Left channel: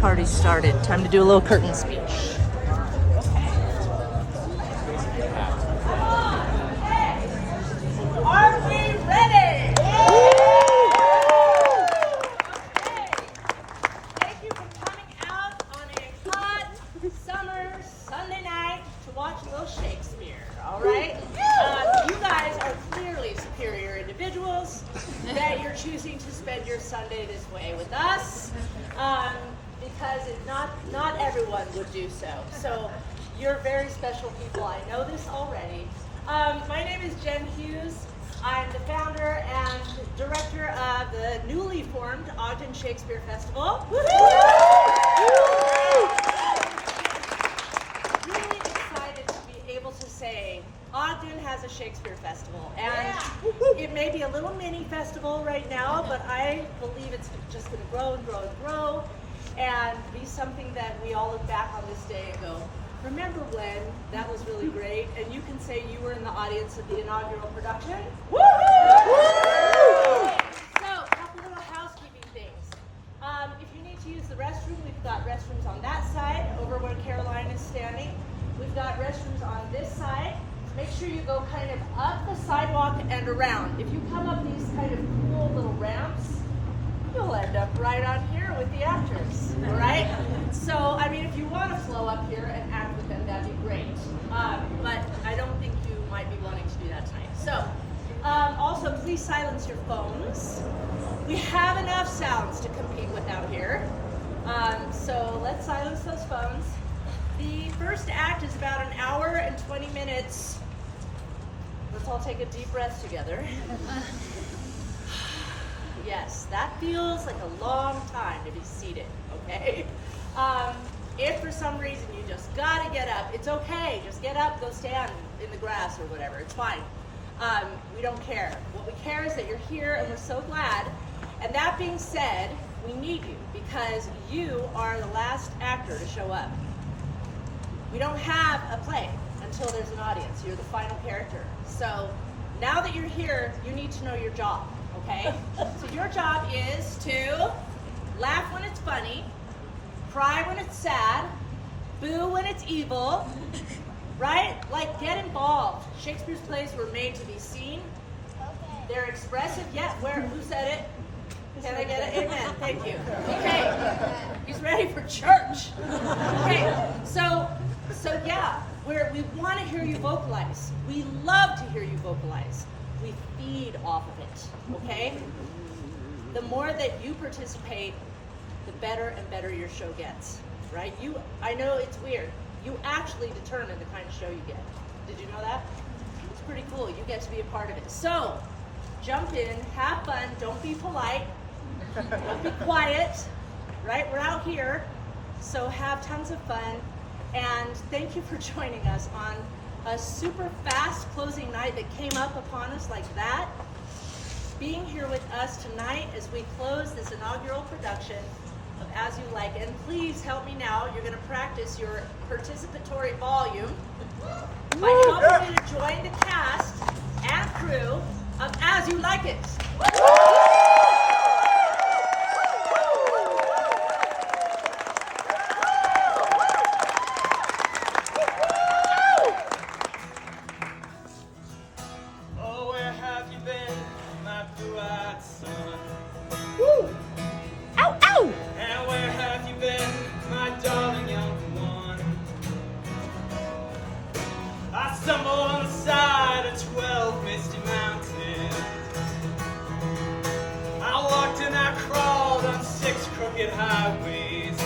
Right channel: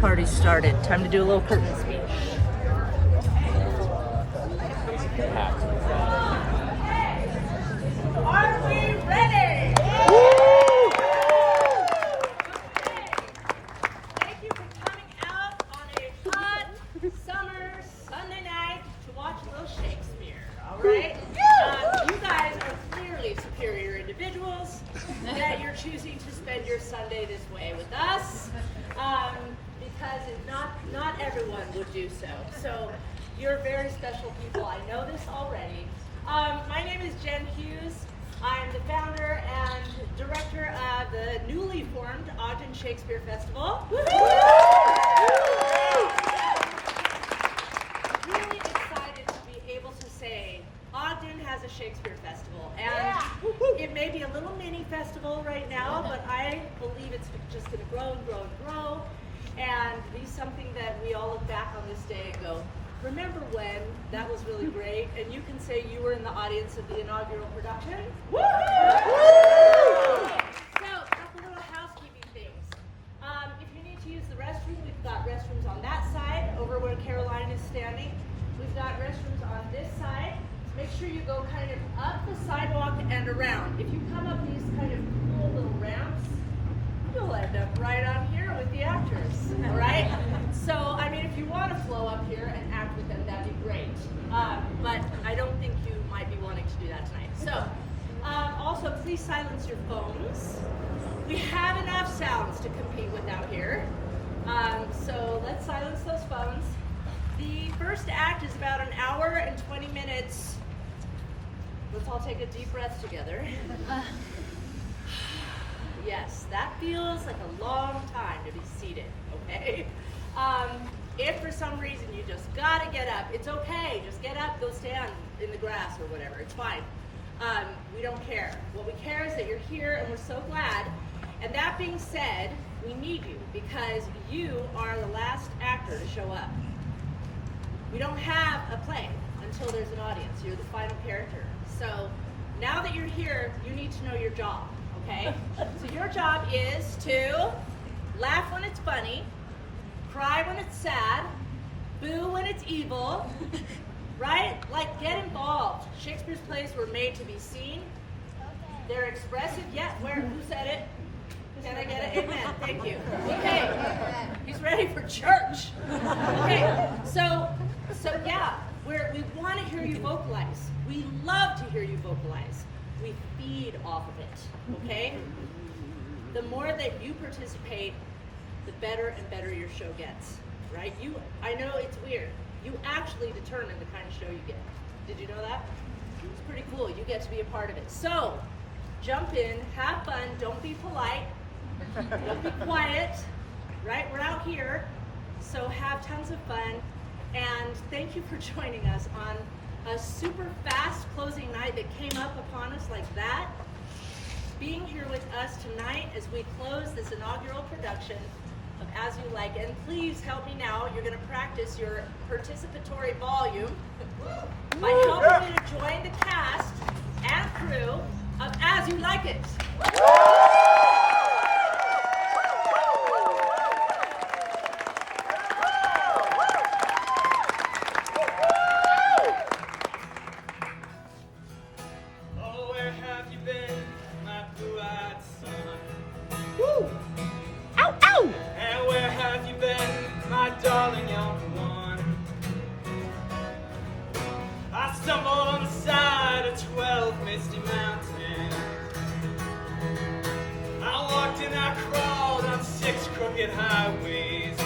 Party started. Time to do a little curtain speech. Are we ready? Thank you for coming out on a hot summer Sunday night to watch a little Shakespeare, all right? You guys are clearly superior individuals that you're choosing to spend your Sunday this way with us. Because not everyone would do so. So you're very special people. I know this already. My name is Jen Hughes. I'm the founder and director of the newly formed Ogden Shakespeare Festival. Really excited to be able to say Ogden has a Shakespeare Festival, and it may be a little mini festival right now, but I believe it's just going to grow and grow and grow. And be something that we all look back on this day and go, remember when? That was really great. And you can say you were in the audience of the inaugural production. Woo! So, a couple little housekeeping things. If you need to use the restroom, we've got restrooms on that side, over where Caroline is standing. We've got restrooms on this side. Make sure you go kind of up the sidewalk and around. If you come up these kind of cool little ramps, you'll end up right on here with the actors, all right? So, I mean, if you want to flow up here and act with them, that'd be great. But I don't think you might be wanting to do that tonight. So, also, please silence your phones. We have enough sounds to compete with out here. So let's silence those phones. The first act is about an hour and 20 minutes. Let's all take a deep breath together. Yes, that feels like a long time to be seated, okay? If for some reason you just gotta get up, it's okay. Just get up, go stand in the grass or whatever, it's fine. We don't care. What we care is that you're here and we're so glad. And that being said, we need you because you are the last actor to show up. We don't have a play until there's an audience. You're the final character. So now that you're here, you need to know your job. Okay? So your job is to laugh when it's funny, cry when it's sad, boo when it's evil, right? Like, get involved. Shakespeare's plays were made to be seen. They're expressive. Yeah, who said it? Can I get it? Amen. Thank you. Okay. He's ready for church. Okay. So yeah, we want to hear you vocalize. We love to hear you vocalize. We feed off of it, okay? The more that you participate, the better and better your show gets, right? I know it's weird. You actually determine the kind of show you get. Did you know that? It's pretty cool. You get to be a part of it. So, jump in, have fun, don't be polite, don't be quiet, right? We're out here, so have tons of fun. And thank you for joining us on a super fast closing night that came up upon us like that. Being here with us tonight as we close this inaugural production of As You Like. And please help me now. You're going to practice your participatory volume by helping me to join the cast and crew of As You Like It. On the side of 12 misty mountains, I walked and I crawled on 6 crooked highways.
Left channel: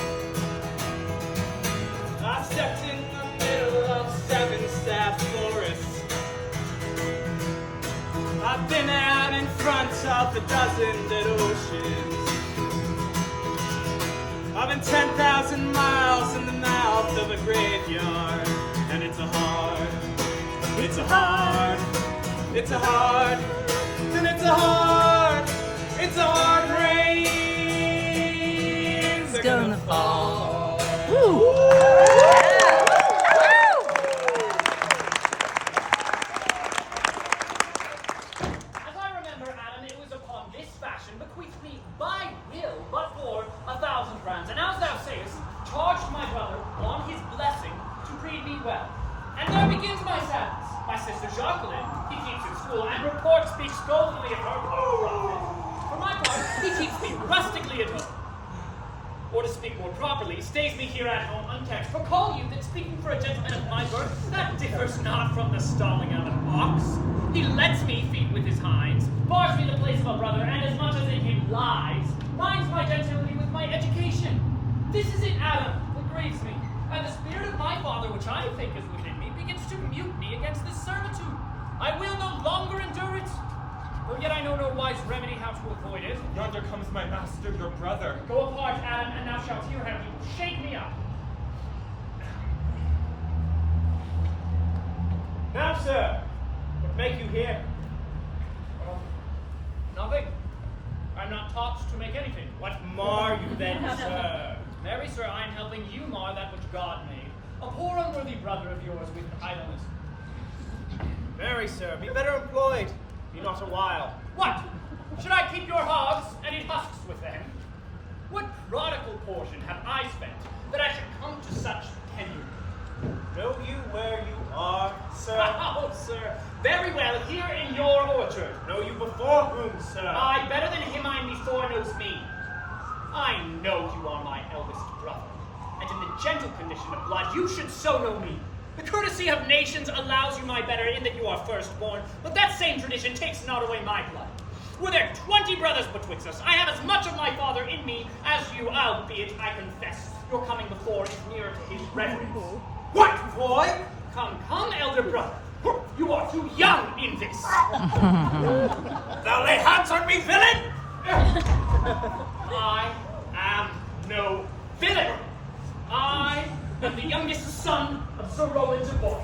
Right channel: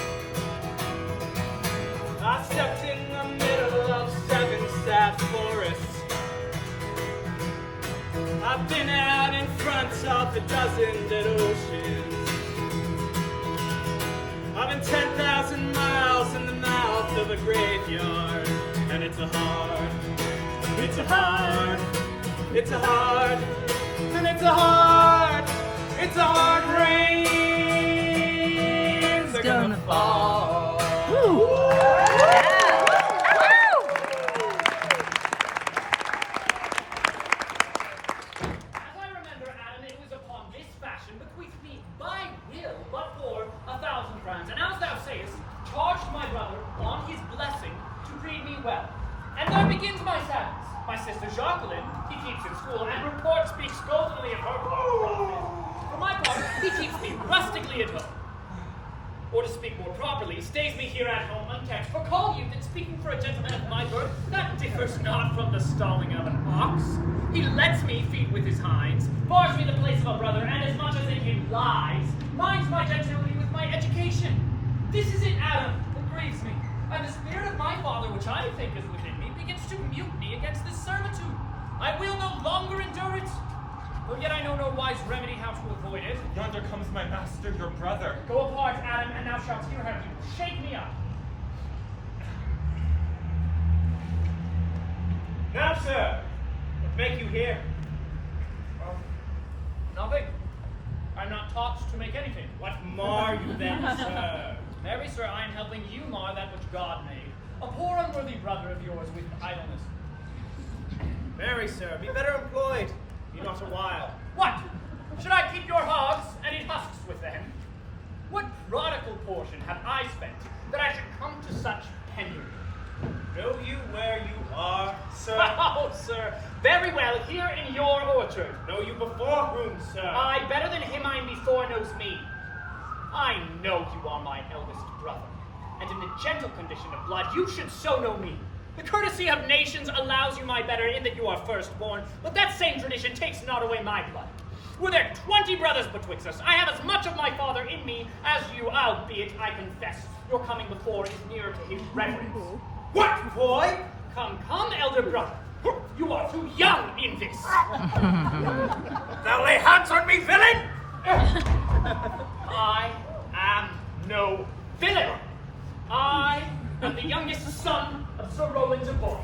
I stepped in the middle of 7 sad forests. I've been out in front of a dozen dead oceans. I've been 10,000 miles in the mouth of a graveyard, and it's a hard, and it's a hard rain's Gonna fall. Woo! Yeah. As I remember, Adam, it was upon this fashion bequeathed me by will but for 1,000 crowns. And as thou sayest, charged my brother on his blessing to breed me well. And there begins my sadness. My sister Jacqueline, he keeps in school, and report speaks goldenly of her prophet. For my part, he keeps me rustically at home. Or to speak more properly, stays me here at home unkept. For call you that speaking for a gentleman of my birth, that differs not from the stalling of an ox. He lets me feed with his hinds, bars me the place of a brother, and as much as in him lies, minds my gentility with my education. This is it, Adam, that grieves me. And the spirit of my father, which I think is within me, begins to mutiny against this servitude. I will no longer endure it. Though yet I know no wise remedy how to avoid it. Yonder comes my master, your brother. Go apart, Adam, and thou shalt hear how he will shake me up. Now, sir, what make you here? Oh, nothing. I'm not taught to make anything. What mar you then, sir? Marry, sir, I am helping you mar that which God made. A poor unworthy brother of yours with idleness. Marry, sir, be better employed. Be not a while. What? Should I keep your hogs and eat husks with them? What prodigal portion have I spent that I should come to such penury? Know you where you are, sir? Oh, sir, very well, here in your orchard. Know you before whom, sir? Aye, better than him I before knows me. I know you are my eldest brother, and in the gentle condition of blood you should so know me. The courtesy of nations allows you my better in that you are firstborn, but that same tradition takes not away my blood. Were there 20 brothers betwixt us, I have as much of my father in me as you, albeit, I confess, your coming before is nearer to his reverence. What, boy? Come, come, elder brother. You are too young in this. Thou lay hands on me, villain! I am no villain. I am the youngest son of Sir Roland de Bois.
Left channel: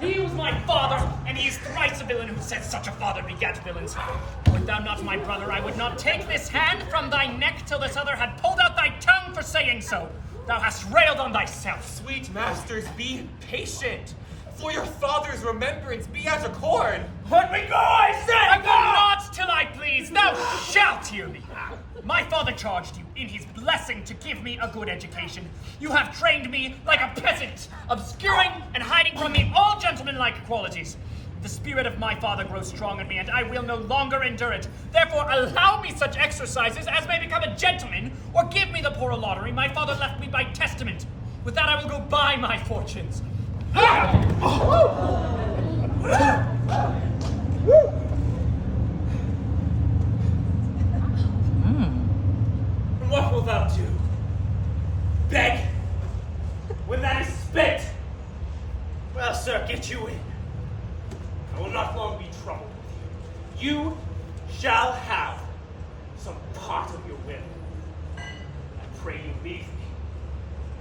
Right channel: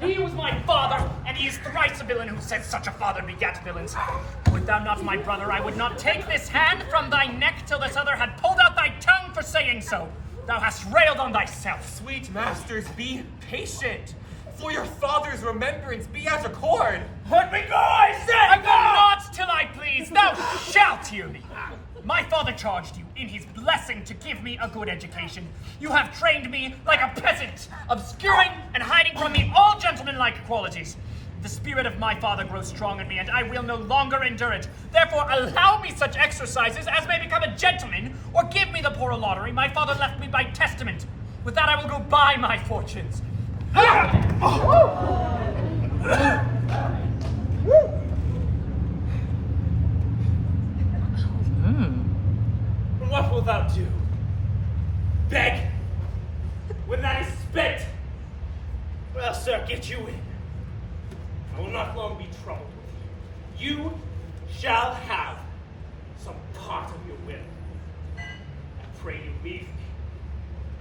He was my father, and he is thrice a villain who says such a father begat villains. Wert thou not my brother, I would not take this hand from thy neck till this other had pulled out thy tongue for saying so. Thou hast railed on thyself. Sweet masters, be patient. For your father's remembrance, be as accord. Let me go, I said! I will not till I please. Thou shalt hear me. My father charged you in his blessing to give me a good education. You have trained me like a peasant, obscuring and hiding from me all gentlemanlike qualities. The spirit of my father grows strong in me, and I will no longer endure it. Therefore, allow me such exercises as may become a gentleman, or give me the poor lottery my father left me by testament. With that I will go buy my fortunes. And what wilt thou do? Beg? When that is spent? Well, sir, get you in. I will not long be troubled with you. You shall have some part of your will. I pray you leave me.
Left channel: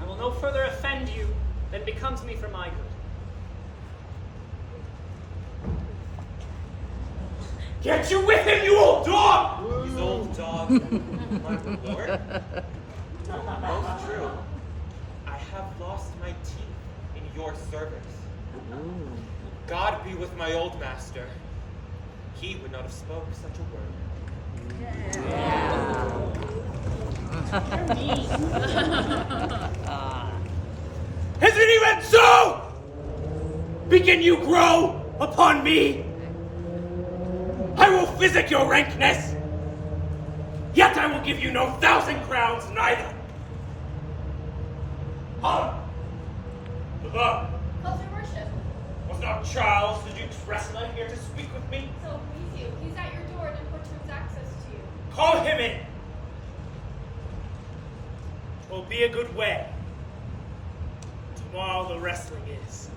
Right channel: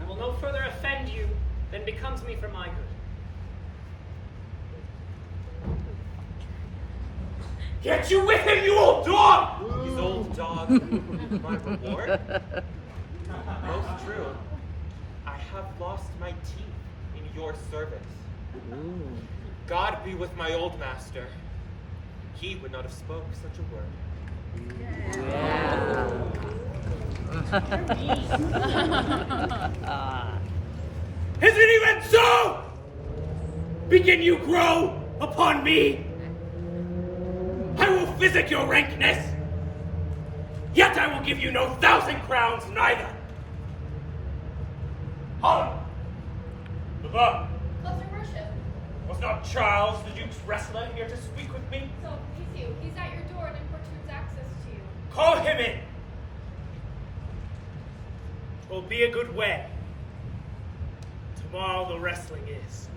I will no further offend you than becomes me for my good. Get you with him, you old dog! His old dog, my reward? Most true. I have lost my teeth in your service. God be with my old master. He would not have spoke such a word. Yeah. Is it even so? Begin you grow upon me? I will physic your rankness, yet I will give you no 1,000 crowns neither. Holla! Close your worship. Was not Charles, the Duke's wrestler, here to speak with me? So please you. He's at your door and importunes access to you. Call him in. Will be a good way. Tomorrow the wrestling is.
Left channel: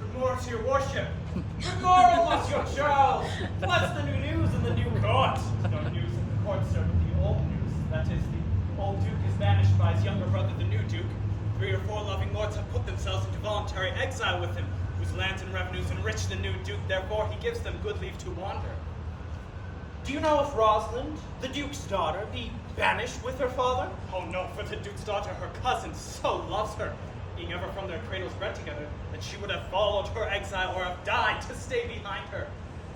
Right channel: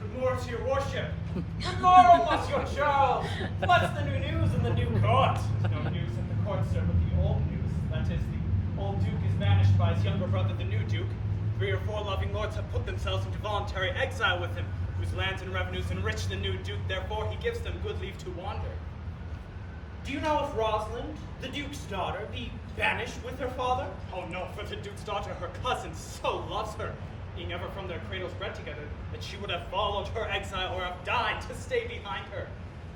Good morrow to your worship. Good morrow, Monsieur Charles. What's the new news in the new court? There's no news in the court, sir, but the old news. That is, the old duke is banished by his younger brother, the new duke. 3 or 4 loving lords have put themselves into voluntary exile with him, whose lands and revenues enrich the new duke. Therefore, he gives them good leave to wander. Do you know if Rosalind, the Duke's daughter, be banished with her father? Oh no, for the duke's daughter, her cousin, so loves her, being ever from their cradles bred together, that she would have followed her exile or have died to stay behind her.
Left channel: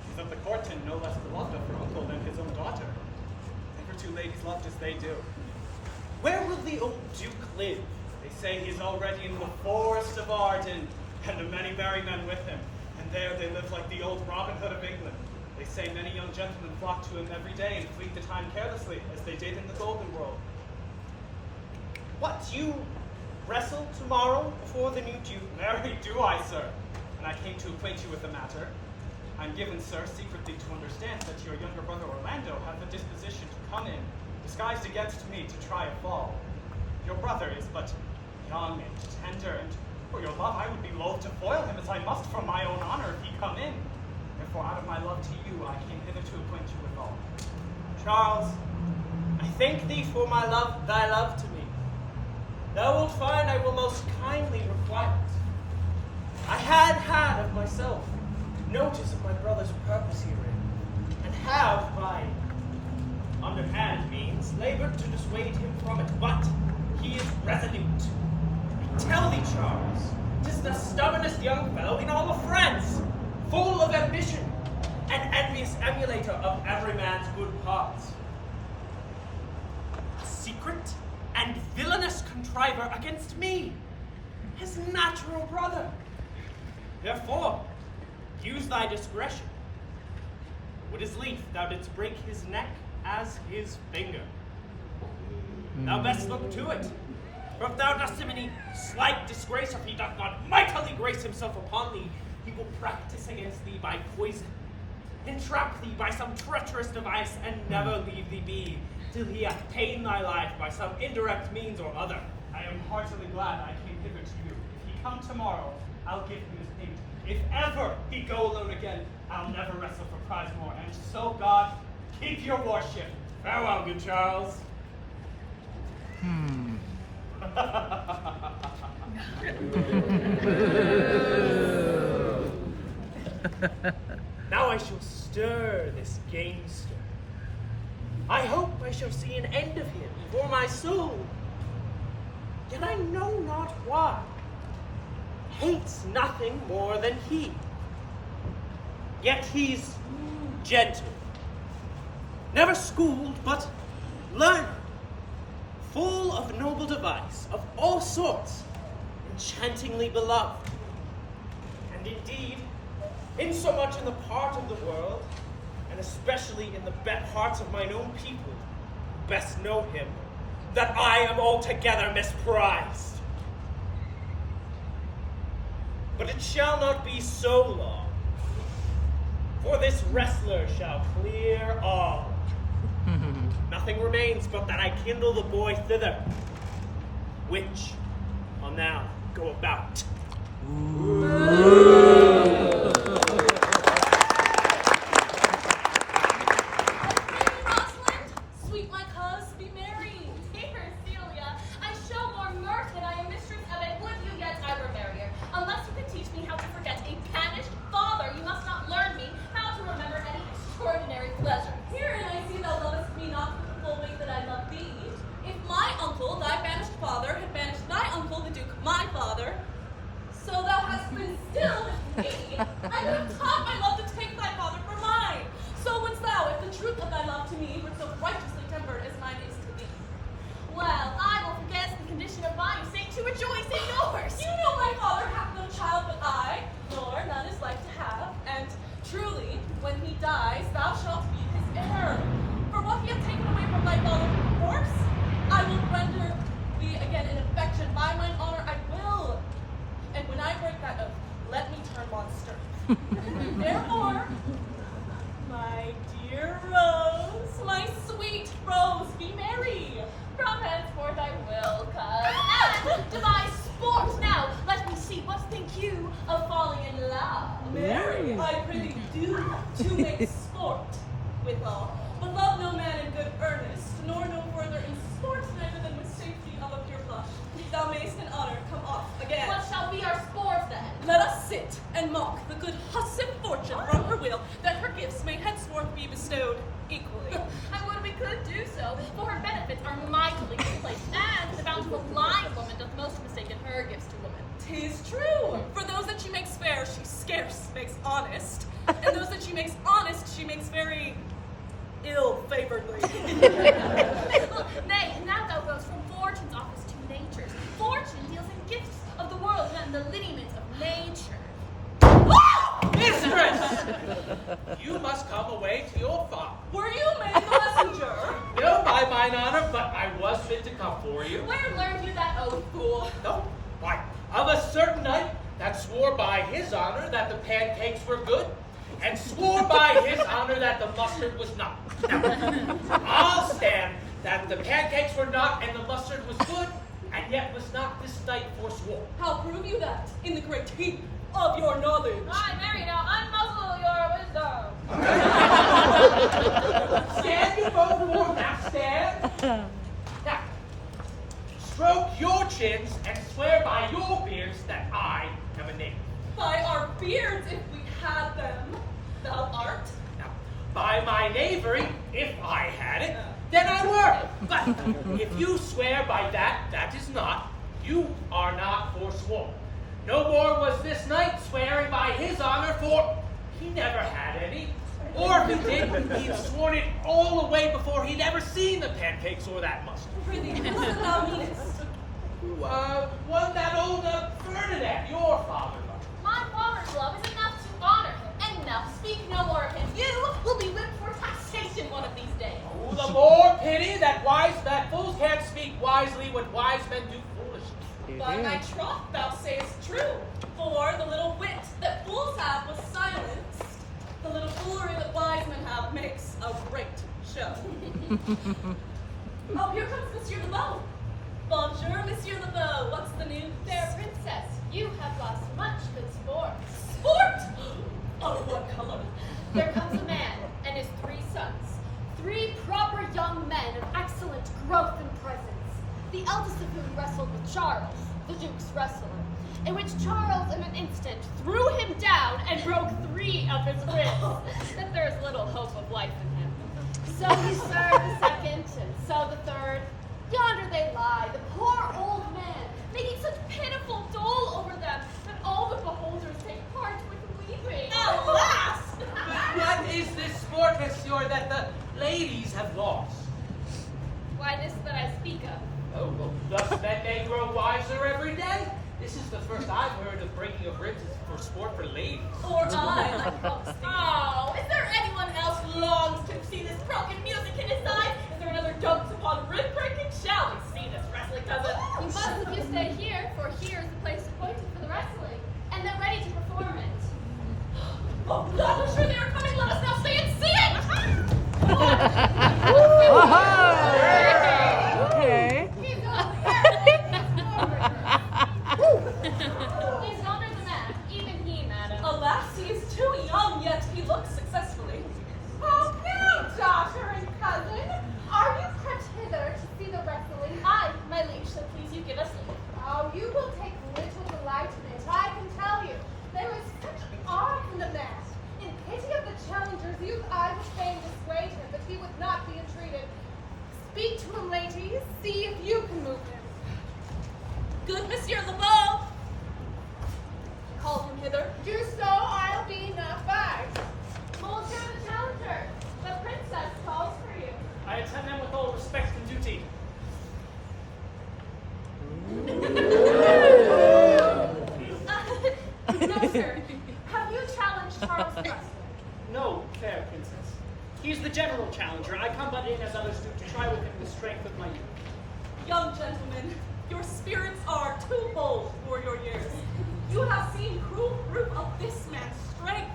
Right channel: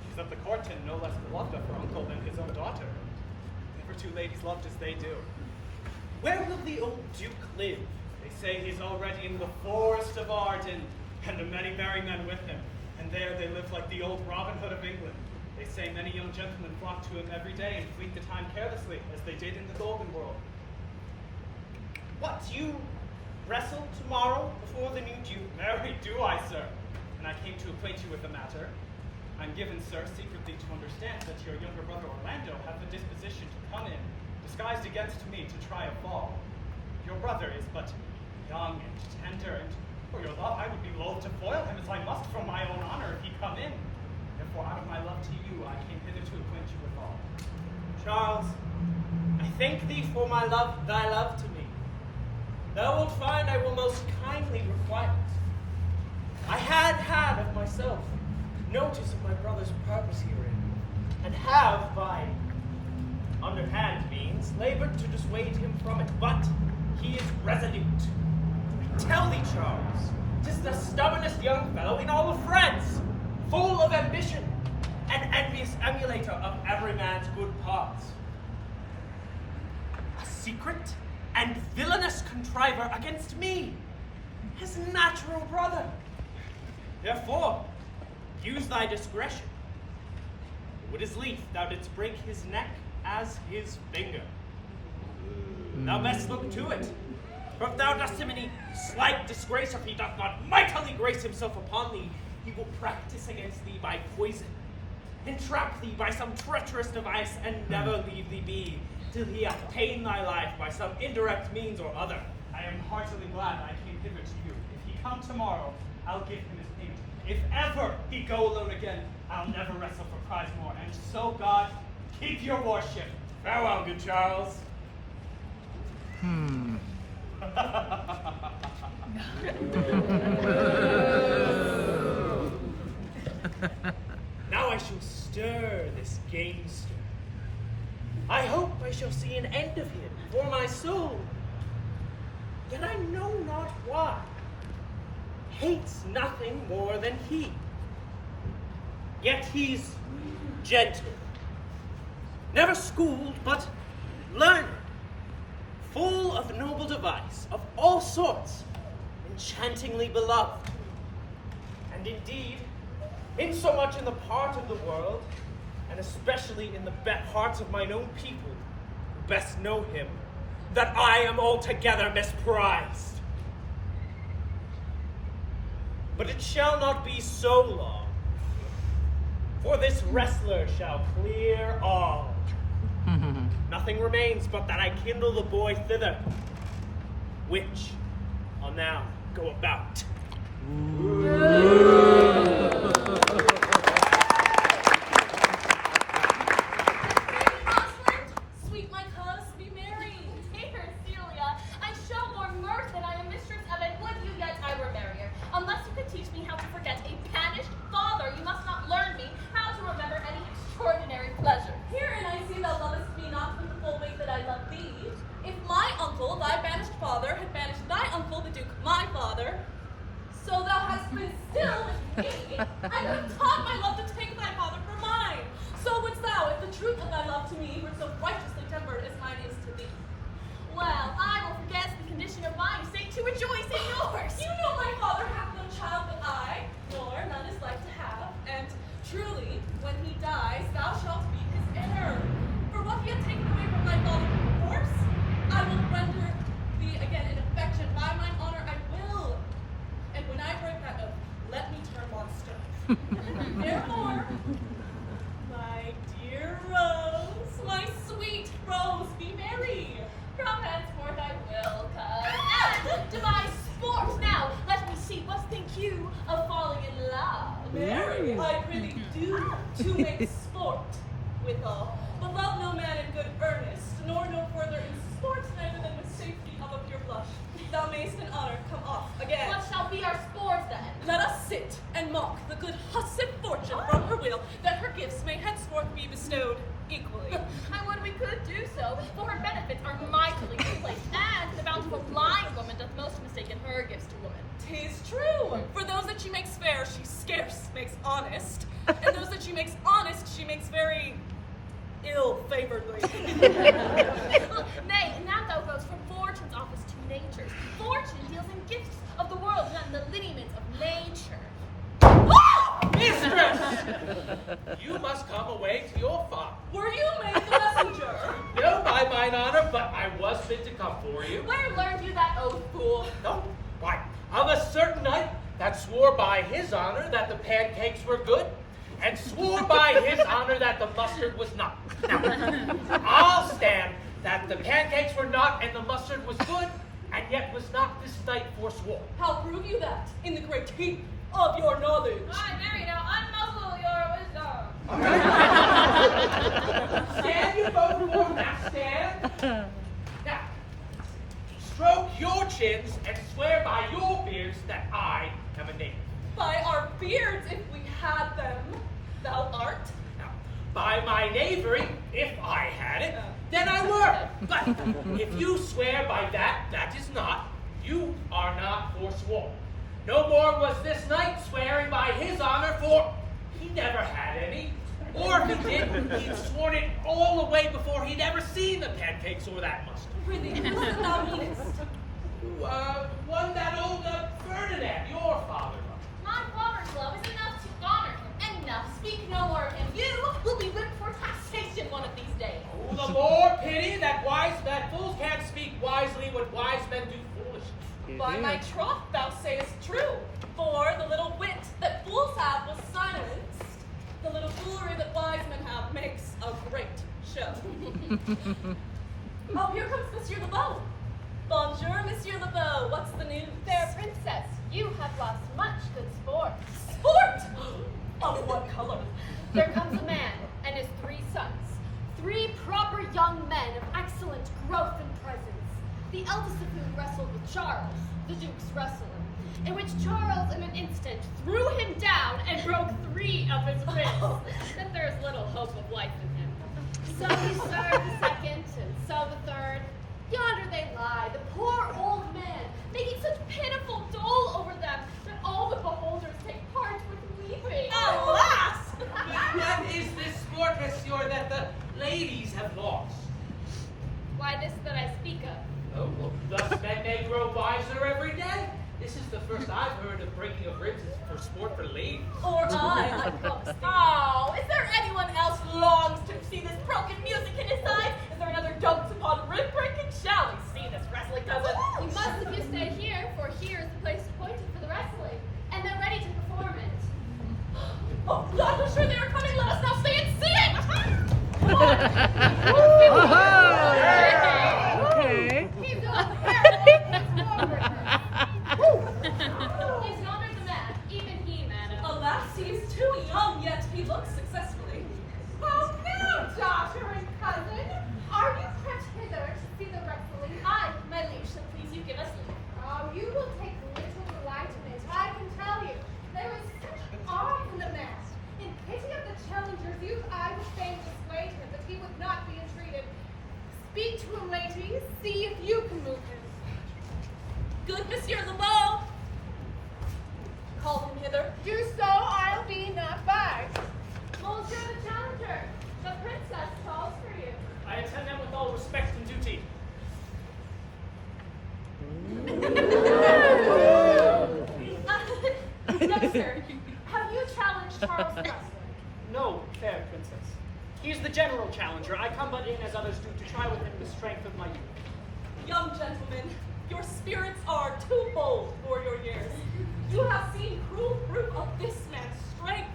She's of the court and no less beloved of her uncle than his own daughter. Never two ladies loved as they do. Where will the old Duke live? They say he's already in the forest of Arden, and many merry men with him. And there they live like the old Robin Hood of England. They say many young gentlemen flock to him every day and fleet the time carelessly, as they did in the Golden World. What, you wrestle tomorrow before the new Duke? Marry do I, sir. And I came to acquaint you with the matter. I'm given, sir, secretly to understand that your younger brother Orlando hath the disposition to come in, disguised against me, to try a fall. Your brother is but young and tender, and for your love I would be loath to foil him, as I must for my own honor if he come in. Therefore, out of my love to you, I came hither to acquaint you with all. Charles, I thank thee for thy love to me. Thou wilt find I will most kindly requite it. I had of myself notice of my brother's purpose herein, and have by underhand means labored to dissuade him from it, but he is resolute. I tell thee, Charles, 'tis the stubbornest young fellow in all of France, full of ambition, and envious emulator of every man's good parts. A secret and villainous contriver against me, his natural brother. Therefore, use thy discretion. Would his lief thou didst break his neck as his finger. Thou best look to it, for if thou dost him any slight disgrace, or if he doth not mightily grace himself upon thee, he will practice against thee by poison, entrap thee by some treacherous device, and never leave thee be, till he hath ta'en thy life by some indirect means or other. I am heartily glad I came hither to you. If he come tomorrow, I'll give him his payment. If ever he go alone again, I'll never wrestle for prize more. And so God, keep your warship. Farewell, good Charles. Now I shall stir this gamester. I hope I shall see an end of him for my soul. Yet I know not why. Hates nothing more than he. Yet he's gentle, never schooled, but learned, full of noble device, of all sorts, enchantingly beloved. And indeed, insomuch in the part of the world, and especially in the hearts of mine own people, who best know him, that I am altogether misprized. But it shall not be so long, for this wrestler shall clear all. Nothing remains but that I kindle the boy thither, which I'll now go about. Sweet my cuz, be merry. Dear Celia, I show more mirth than I am mistress of it. Would you yet I were merrier? Unless you could teach me how to forget a banished father, you must not learn me how to remember any extraordinary pleasure. Herein I see thou lovest me not with the full weight that I love thee. If my uncle, thy banished father, had banished thy uncle, the Duke, my father, so thou hast been still with me, I would have taught my love to take thy father for mine. So wouldst thou, if the truth of thy love to me were so righteously tempered as mine is to thee. Well, I will forget the condition of mine sake to rejoice in yours. You know my father hath no child but I, nor none is like to have, and truly, when he dies, thou shalt be his heir. For what he hath taken away from thy father force, I will render thee again in affection. By mine honor I will. And when I break that oath, let me turn monster. Therefore, my dear Rose, my sweet Rose, be merry. From henceforth I will, cuz. Devise sport now. Let me see, what think you of falling in love? Marry, I prithee do to make sport withal. But love no man in good earnest, nor no further in sport, neither than with safety of a pure blush. Thou mayst in honor come off again. What shall be our sport then? Let us sit and mock the good hussif fortune from her will, that her gifts may henceforth be bestowed equally. I would we could do so, for her benefits are mightily misplaced, and the bountiful lying woman doth most mistake in her gifts to woman. 'Tis true. For those that she makes fair, she scarce makes honest, and those that she makes honest, she makes very ill-favoredly. Nay, now thou goes from pictures. Fortune deals in gifts of the world and the lineaments of nature. Mistress! You must come away to your farm. Were you made the messenger? No, by mine honor, but I was fit to come for you. Where learned you that oath, fool? No, why, of a certain knight that swore by his honor that the pancakes were good, and swore by his honor that the mustard was not. Now, I'll stand that the pancakes were not and the mustard was good, and yet was not this knight forsworn. How prove you that in the great heap of your knowledge? Why, Mary, now unmuzzle your wisdom. Stand you both forth, now stand. Now, stroke your chins and swear by your beards that I am a knave. By our beards, if we had them, thou art. Now, by my knavery, if I had it, then I were. But if you swear by that is not, you are not forsworn. No more was this knight swearing by his honor, for he never had any. Or if he did, he'd sworn it all away before he'd ever seen the pancakes or that mustard. Prithee, who dost thou meanest? One that old Ferdinand, your father loved. My father's love is enough to honor him. Enough. Speak no more of him. You will be whipped for taxation one of these days. Oh, the more pity that fools can't speak wisely when wise men do foolishly. By my troth, thou sayest true. For the little wit that fools have was silenced. The little foolery that wise men have makes a great show. Oh, here comes Monsieur LeBeau. Bonjour, Monsieur LeBeau. What's the news? Fair princess, you have lost much good sport. Sport! Of what color? There comes a man and his 3 sons. 3 proper young men of excellent growth and presence. The eldest of whom wrestled with Charles, the Duke's wrestler, in which Charles in an instant threw him down and broke 3 of his ribs, that there is little hope of life in him. So he served the second, and so the third. Yonder they lie, the poor old man, making such pitiful dole over them that all the beholders take part with weeping. Alas! What is this sport, monsieur, that the ladies have lost? Why, this that I speak of. Oh, well, thus men may grow wiser every day. This is the first I've heard of breaking of ribs for sport for ladies. Or I. Oh, is there anyone else who longs to see this broken music in his eyes? Is there another dunks upon rib breaking? Shall we see this wrestling cousin? You must if you stay here, for here is the place appointed for the wrestling, and they're ready to perform it. Oh, God, I'm sure they are coming. Let us now stay and see it! Okay. He's yonder the man, even he, madam. Alas, he is too young, yet he looks successfully. Oh, now, daughter and cousin, are you crept hither to see the wrestling? Aye, my liege, so please you give us leave. Oh, you will take little delight in it, I can tell you. There is such art in the man. In pity of the challengers, you've either fain dissuade him, but he would not be entreated. Speak to him, ladies. See if you can move him. Good Monsieur LeBeau! Call him hither. Do so, I'll be not by. Monsieur the challenger, the princess calls for you. I attend them with all respect and duty. Young sir, have you challenged Charles Wrestler? No, fair princess. He is the general challenger. I come but in, as others do, to try with him the strength of my youth. Young gentlemen, your spirits are too bold for your years. You have seen cruel proof of this man's strength.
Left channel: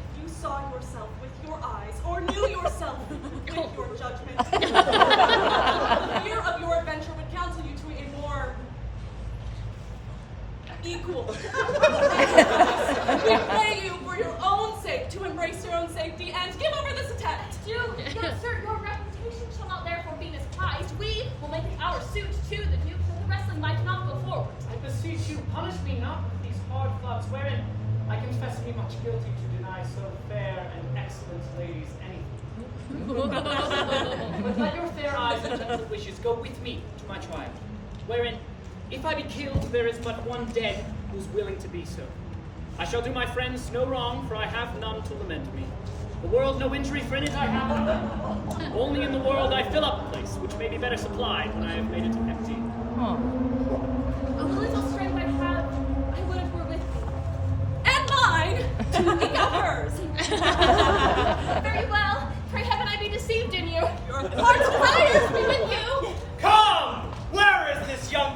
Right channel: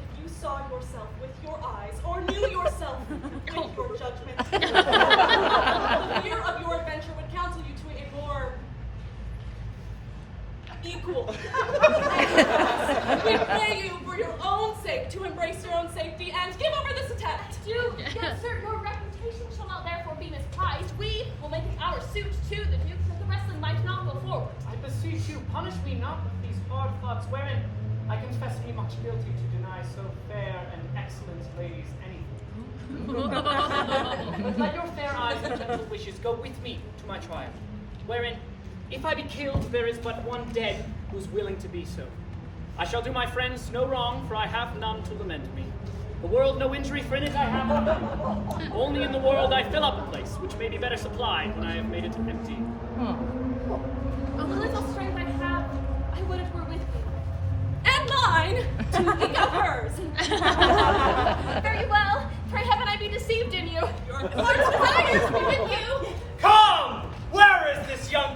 If you saw yourself with your eyes, or knew yourself with your judgment, the fear of your adventure would counsel you to a more equal. We pray you, for your own sake, to embrace your own safety and give over this attempt. Do, young sir, your reputation shall not therefore be misprized. We will make it our suit to the Duke that the wrestling might not go forward. I beseech you, punish me not with these hard thoughts, wherein I confess me much guilty to deny so fair and excellent ladies anything. But let your fair eyes and gentle wishes go with me to my trial, wherein, if I be killed, there is but one dead who's willing to be so. I shall do my friends no wrong, for I have none to lament me. The world no injury, for in it I have none. Only in the world I fill up a place, which may be better supplied when I have made it empty. Huh.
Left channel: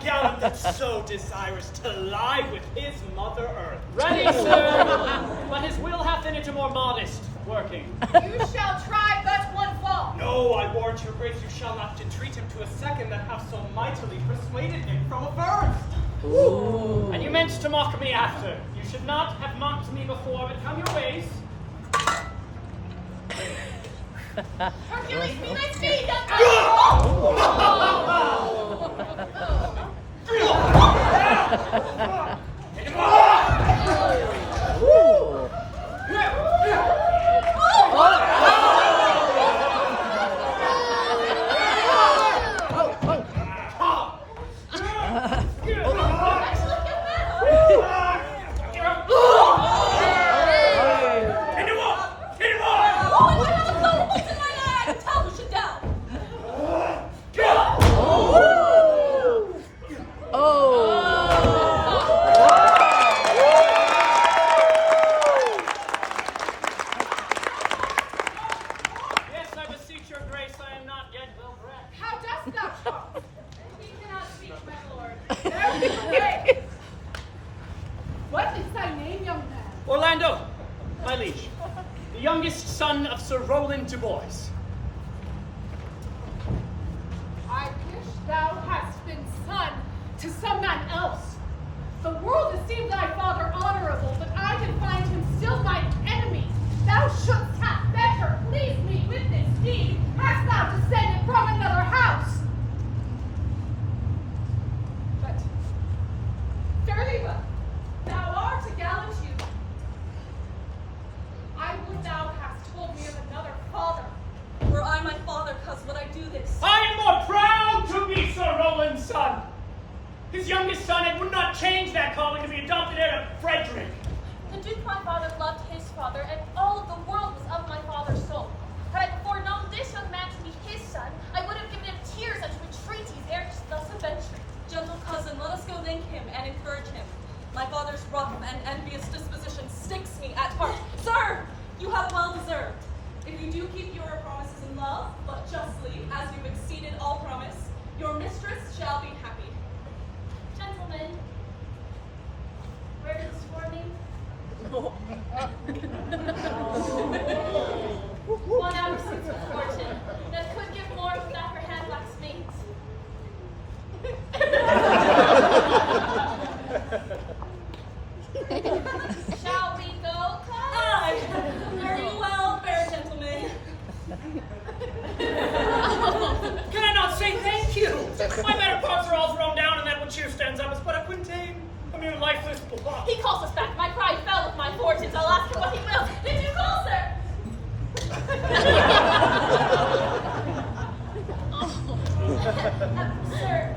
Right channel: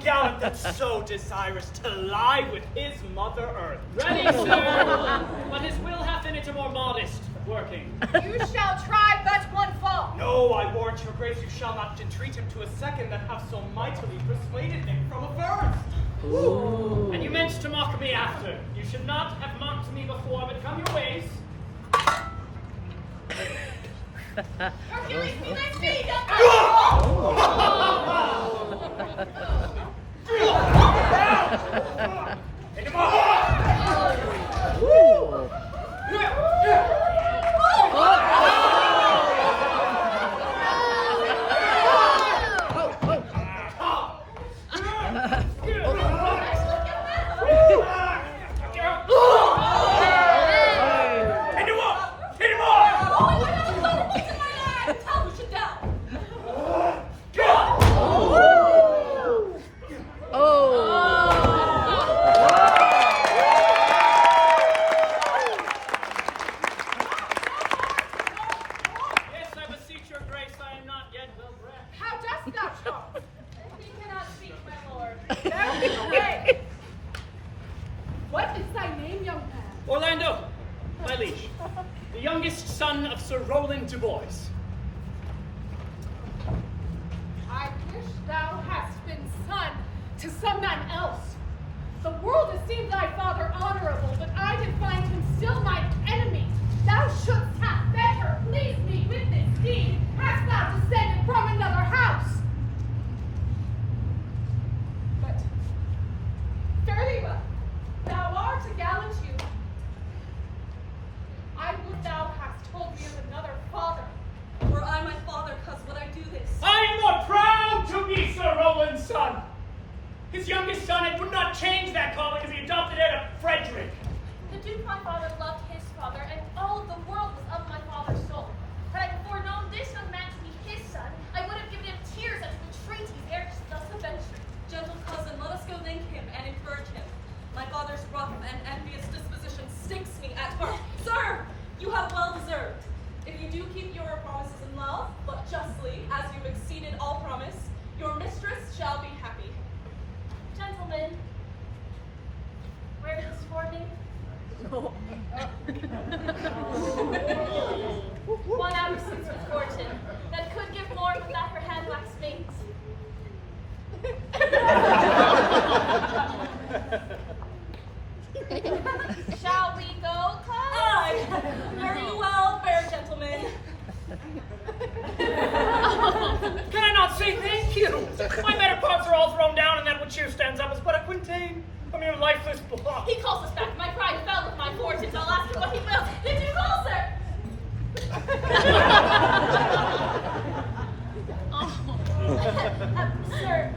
gallant and so desirous to lie with his mother earth. Ready, sir. But his will hath in it a more modest working. You shall try but one fall. No, I warrant your grace, you shall not entreat him to a second that have so mightily persuaded him from a first. Ooh. And you meant to mock me after. You should not have mocked me before, but come your ways. Hercules, be thy steed, Take him off! Ooh. Take him off! Take him off! Yes, I beseech your grace, I am not yet well bred. How dost thou talk? He cannot speak, my lord. Very great. What is thy name, young man? Orlando, my liege, the youngest son of Sir Roland du Bois. I wish thou hadst been son to some man else. The world esteemed thy father honorable, but I can find him still mine enemy. Thou shouldst have better pleased me with this deed, hast thou descended from another house. But fairly well, thou art a gallant youth. I would thou hadst told me of another father. Were I my father, cuz would I do this? I am more proud to be Sir Roland's son. His youngest son, and would not change that calling to the adopted heir to Frederick. The Duke my father loved his father, and all of the world was of my father's soul. Had I before known this young man to be his son, I would have given him tears at your entreaties ere thus avenged. Gentle cousin, let us go link him and encourage him. My father's rough and envious disposition sticks me at heart. Sir, you have well deserved. If you do keep your promises in love, but justly, as you've exceeded all promise, your mistress shall be happy. Gentlemen, where is Swarthy? One absence of fortune that could give more without her hand wax mate. Shall we go, cuz? Aye, very well, fair gentlemen. Can I not say thank you? My better parts are all thrown down, and that which here stands up is but a quintain from your lifeless block. He calls us back. My pride fell with my fortunes. I'll ask him what he will. Did you call, sir? Sir,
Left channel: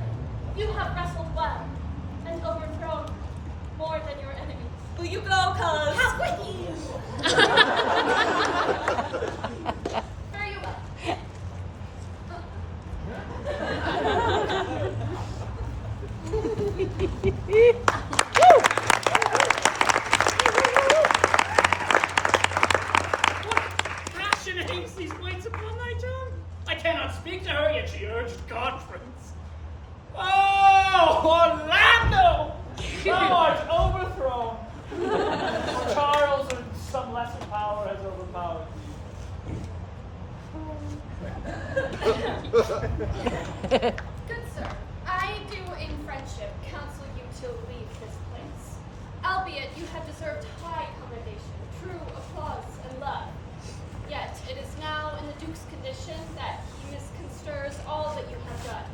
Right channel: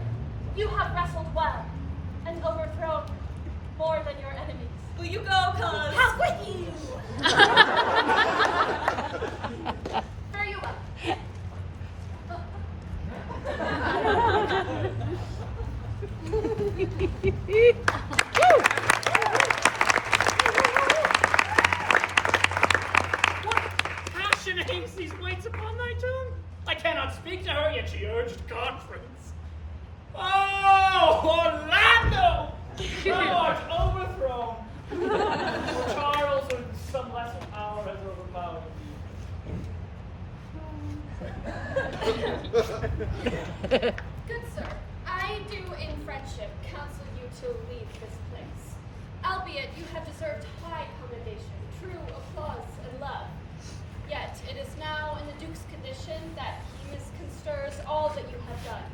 you have wrestled well and overthrown more than your enemies. Will you go, cuz? How will you? Fare you well. What passion hangs these weights upon thy tongue? I cannot speak to her, yet she urged conference. Oh, Orlando! Thou art overthrown. For Charles or some lesser power has overpowered Good sir, I do in friendship counsel you to leave this place. Albeit you have deserved high commendation, true applause and love. Yet it is now in the Duke's condition that he misconstrues all that you have done.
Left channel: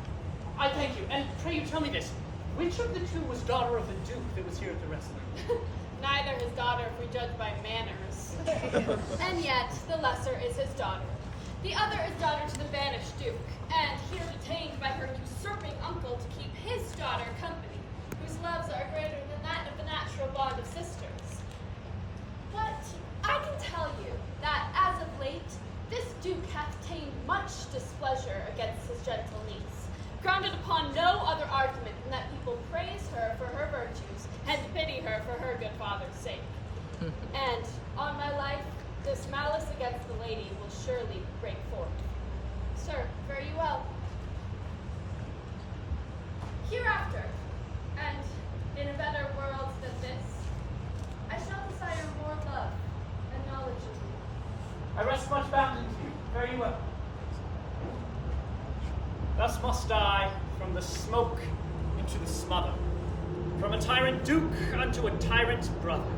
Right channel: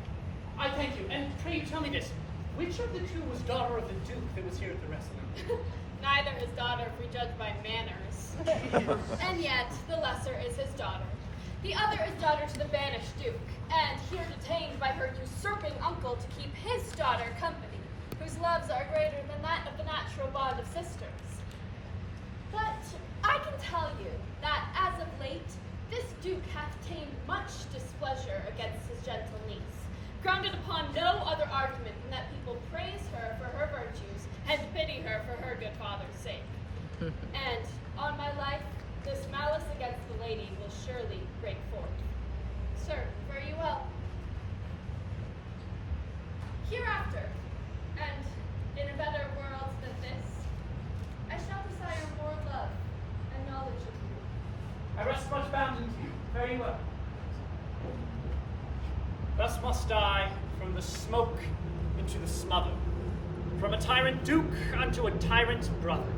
I thank you, and pray you tell me this. Which of the two was daughter of the Duke that was here at the wrestling? Neither his daughter if we judge by manners. And yet the lesser is his daughter. The other is daughter to the banished Duke, and here detained by her usurping uncle to keep his daughter company, whose loves are greater than that of the natural bond of sisters. But I can tell you that as of late, this Duke hath tamed much displeasure against his gentle niece, grounded upon no other argument than that people praise her for her virtues and pity her for her good father's sake. And on my life, this malice against the lady will surely break forth. Sir, fare you well. Hereafter, pleasure to me. I rest much bound into you. Fare you well. Thus must I from the smoke into the smother, from a tyrant duke unto a tyrant brother.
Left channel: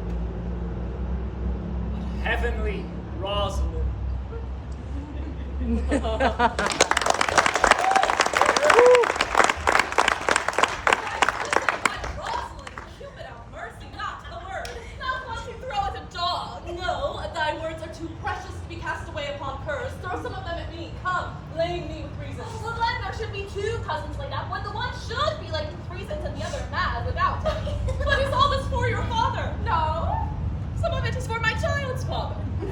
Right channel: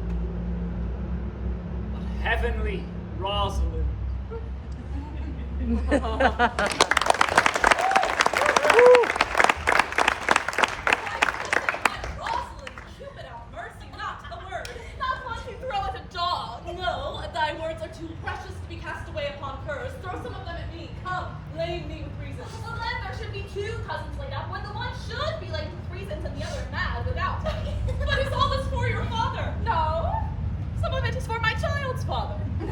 But heavenly Rosalind. Rosalind, Cupid have mercy, not a word. Not one to throw at a dog. No, thy words are too precious to be cast away upon curs. Throw some of them at me. Come, blame me with reason. Well, then there should be two cousins laid up, when the one should be laid with reasons and the other mad without. But is all this for your father? No. Some of it is for my child's father. How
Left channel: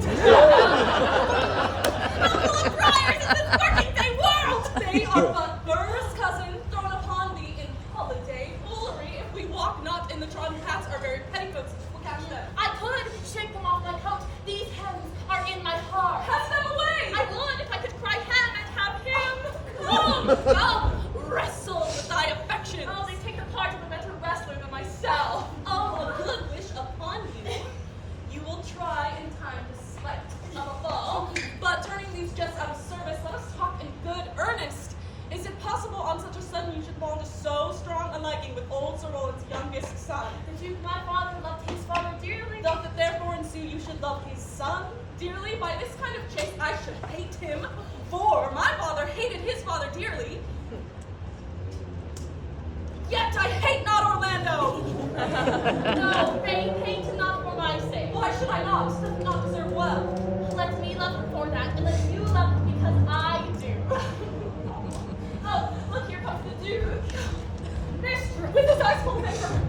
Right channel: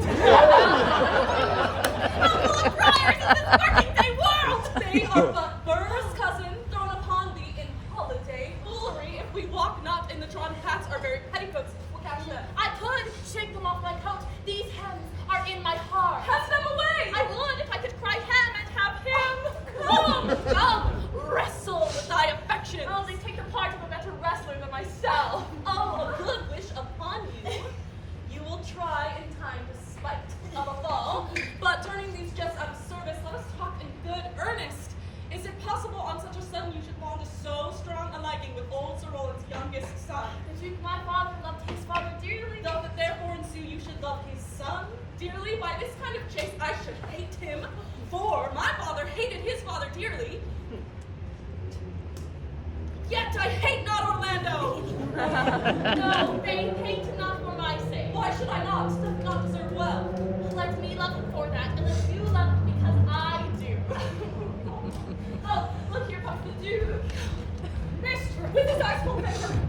full of briars is this working day world? They are but burrs, cousin, thrown upon thee in holiday foolery. If we walk not in the trodden paths, our very petticoats will catch them. I could shake them off my coat. These hands are in my heart. Cast them away! I would if I could cry ham and have him. Come, come, wrestle with thy affection. Oh, they take the part of a better wrestler than myself. Oh, a good wish upon you. You will try in time despite of a fall, but turning these jests out of service, let us talk in good earnest. Is it possible on such a sudden you should fall into so strong a liking with old Sir Roland's youngest son? The Duke, my father, loved his father dearly. Doth it therefore ensue you should love his son dearly? By this kind of chase I should hate him, for my father hated his father dearly. Yet I hate not Orlando! No, they hate him not for my sake. Why should I not? Does he not deserve well? Let me love him for that, and let you love him because I do. Oh, look, here comes the Duke. Mistress, With his eyes full of anger.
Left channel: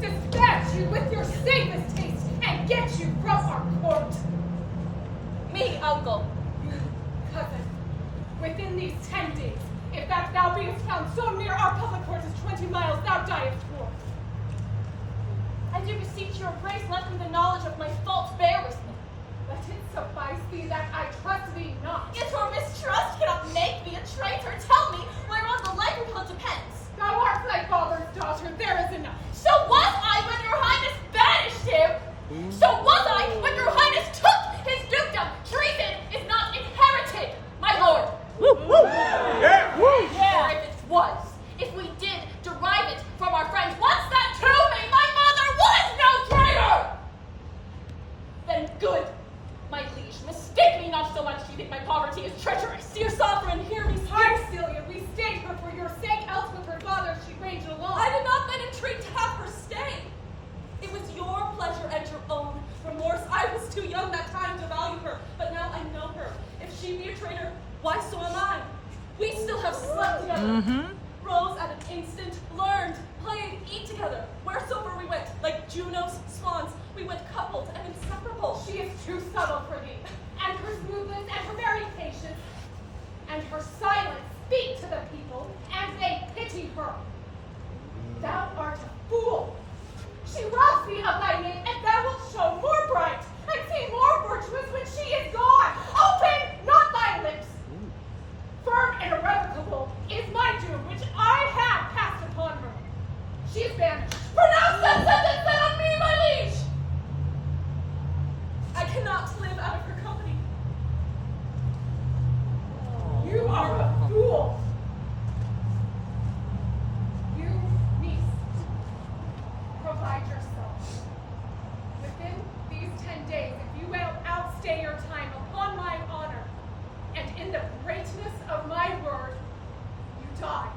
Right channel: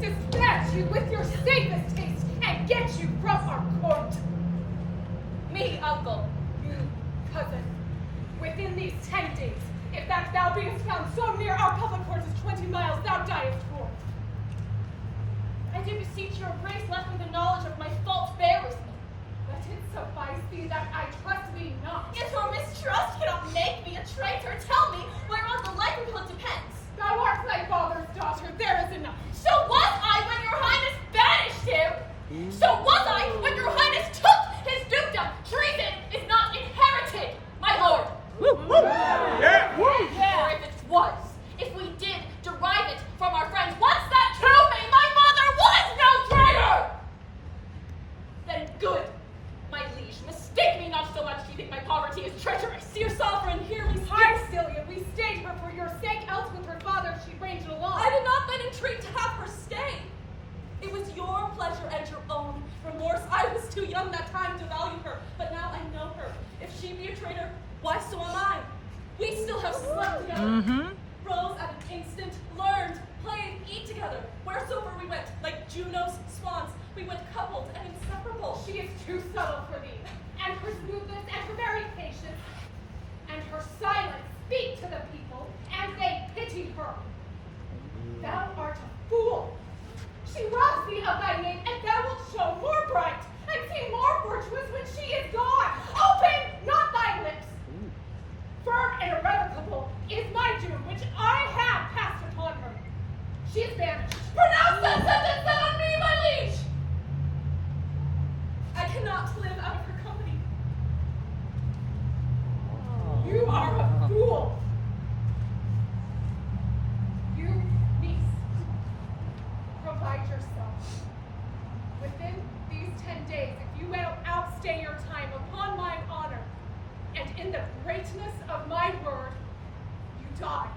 dispatch you with your safest taste and get you from our court. Me, uncle. You, cousin, within these 10 days, if that thou beest found so near our public court as 20 miles, thou diest forth. I do beseech your grace, let me the knowledge of my faults bear with me. Let it suffice thee that I trust thee not. Yet your mistrust cannot make me a traitor. Tell me whereon the likelihood depends. Thou art thy father's daughter, there is enough. So was I when your highness banished him. So was I when your highness took his dukedom. Treason is not inherited, my lord. Yeah! Or if it was, if we did derive it from our friends, once that told me my mother was no traitor, then good, my liege, mistake me not so much you think my poverty is treacherous. Dear sovereign, hear me speak. Aye, Celia, we stayed her for your sake, else with her father she ranged along. I did not then entreat to have her stay. It was your pleasure and your own remorse. I was too young that time to value her, but now I know her. If she be a traitor, why so am I? We still have slept together. Rose at an instant, learned, played, eat together. Wheresoever we went, like Juno's swans, we went coupled and inseparable. She is too subtle for thee, and her smoothness and her very patience, and her silence speak to the people, and they pity her. Thou art a fool. She robs thee of thy name, and thou wilt show more bright, and seem more virtuous when she is gone. Open not thy lips. Firm and irrevocable is my doom, which I have cast upon her. She is banished. Pronounce that sentence then on me, my liege! I cannot live out of her company. You are a fool. You, niece, provide yourself. Within these 10 days, if you will outstay your time upon mine honor, and in the greatness of my word, you die.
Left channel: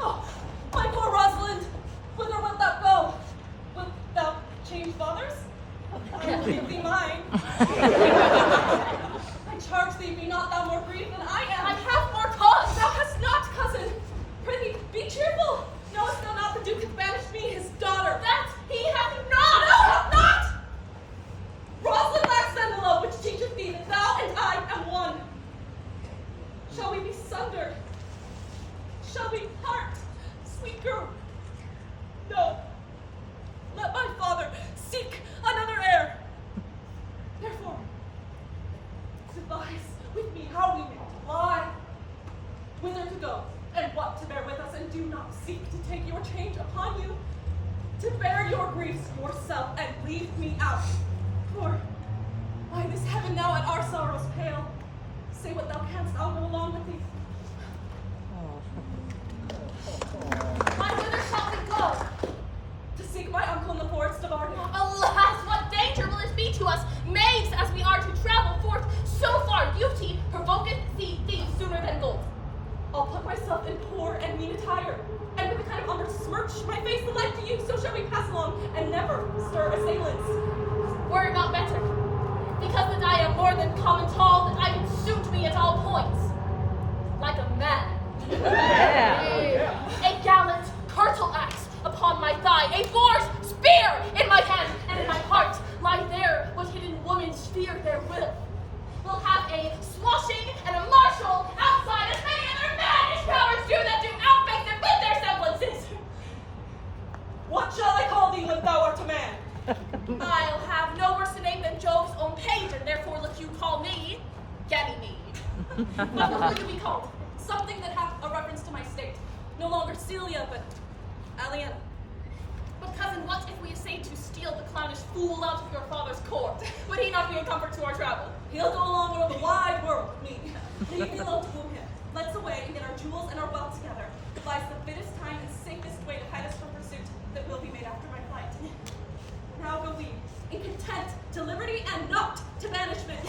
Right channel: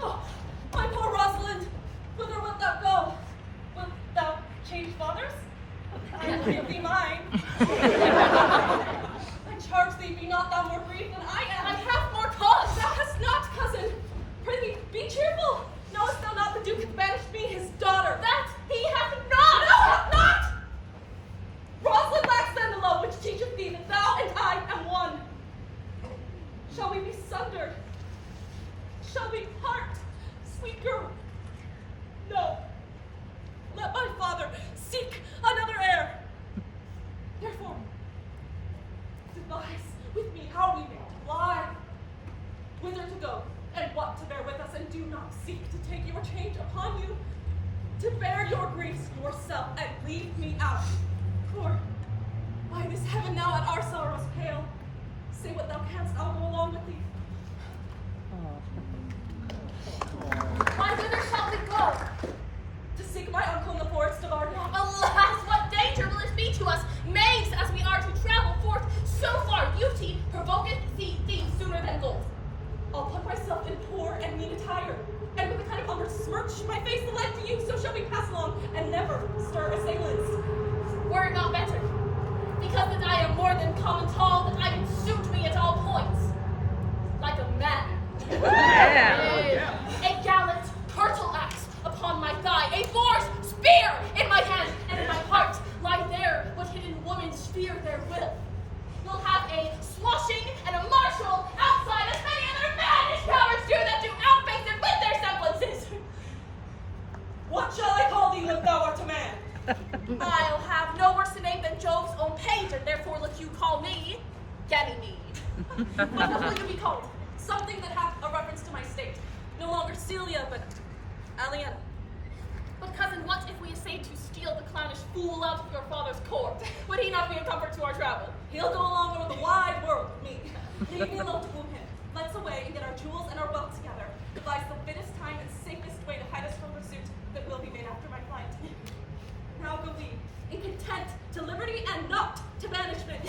Oh, my poor Rosalind, whither wilt thou go? Wilt thou change fathers? I will give thee mine. I charge thee, be not thou more grieved than I am. I have more cause. Thou hast not, cousin. Prithee, be cheerful. Knowest thou not the Duke hath banished me, his daughter? That he hath not! No, hath not! Rosalind lacks then the love which teacheth thee that thou and I am one. Shall we be sundered? Shall we part, sweet girl? No. Let my father seek another heir. Therefore, devise with me how we may lie, whither to go, and what to bear with us, and do not seek to take your change upon you, to bear your griefs yourself, and leave me out. For, by this heaven now at our sorrows pale, say what thou canst, I'll go along with thee. Why, whither shall we go? To seek my uncle in the forest of Arden. Alas, what danger will it be to us, maids, as we are to travel forth so far? Beauty provoketh thee sooner than gold. I'll put myself in poor and mean attire, and with a kind of umber smirch my face alike to you, so shall we pass along, and never stir assailants. Were it not better, because that I am more than common tall, that I can suit me at all points, like a man. A gallant curtal axe upon my thigh, a boar's spear in my hand, and in my heart lie there what hidden women fear their will. We'll have a swashing and a marshal outside, as many other mannish cowards do that do outfake them with their semblances. What shall I call thee when thou art a man? I'll have no worse a name than Jove's own page, and therefore let you call me Ganymede. But what will you be called? Something that hath a reference to my state. No longer Celia, but Aliena. But cousin, what if we essayed to steal the clownish fool out of your father's court? Would he not be a comfort to our travel? He'll go along over the wide world with me. Leave me alone to woo him. Let's away and get our jewels and our wealth together. Devise the fittest time and safest way to hide us from pursuit that will be made after my flight. Now go we, in content to liberty and not to banishment.